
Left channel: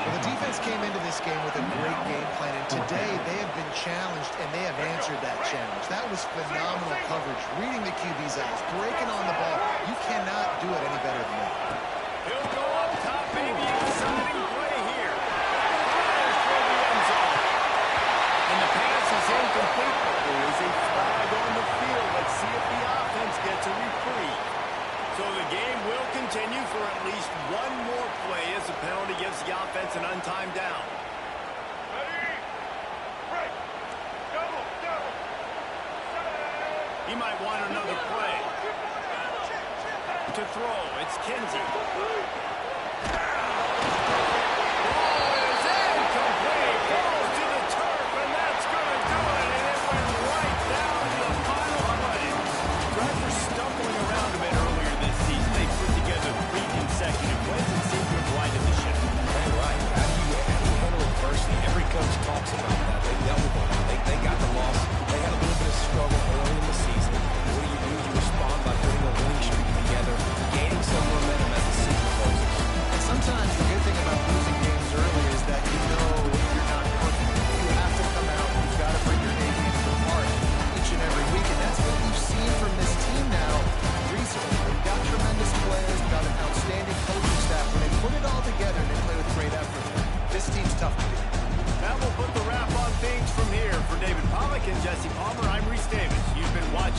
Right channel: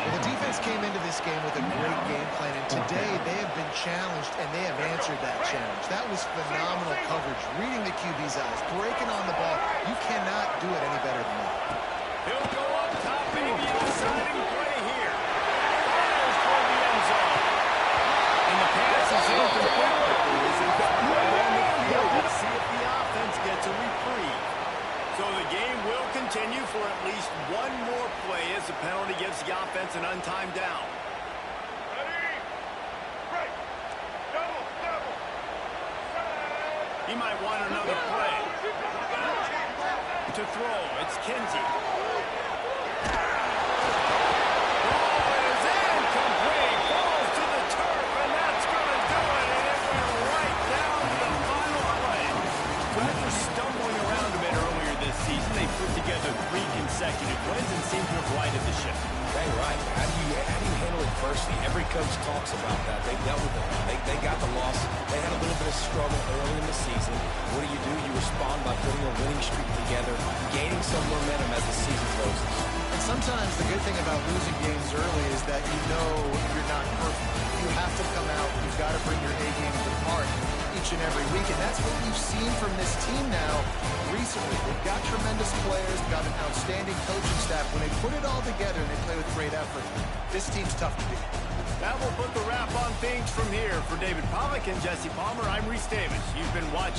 Well, the defense came into this game with a great game plan, and today they have been challenged, and they have answered that challenge. That was phenomenal coverage, reading the QB's eyes, breaking on the ball. You cannot do it any better than that. He'll go up top, maybe a deciding play here. Fires toward the end zone. And the pass is incomplete, but there is a flag on the field. Let's see if the offense gets a reprieve. So the game will continue for at least one more play as the penalty gives the offense an untimed down. Ready? Break. Double. He might want another play. To throw, it's Kinsey. Ball is incomplete. Falls to the turf, and that's going to do it. And it went right down to the final play. After stumbling around a bit earlier this season, they put together 3 consecutive wins and seem to have righted the ship. Hey, right. How do you handle adversity? Every coach talks about that. They dealt with it. They got the loss. They had a little bit of struggle early in the season. What do? You respond by putting a winning streak together, gaining some momentum as the season closes. And sometimes the good thing about losing games early is that you know you're not perfect. You have to come out. You've got to bring your A game to the park each and every week, and that's what you've seen from this team now recently. They've got tremendous players, got an outstanding coaching staff. When they put it all together and they play with great effort, this team's tough to beat. That will put the wrap on things from here. For David Pollack and Jesse Palmer, I'm Reese Davis. You've been watching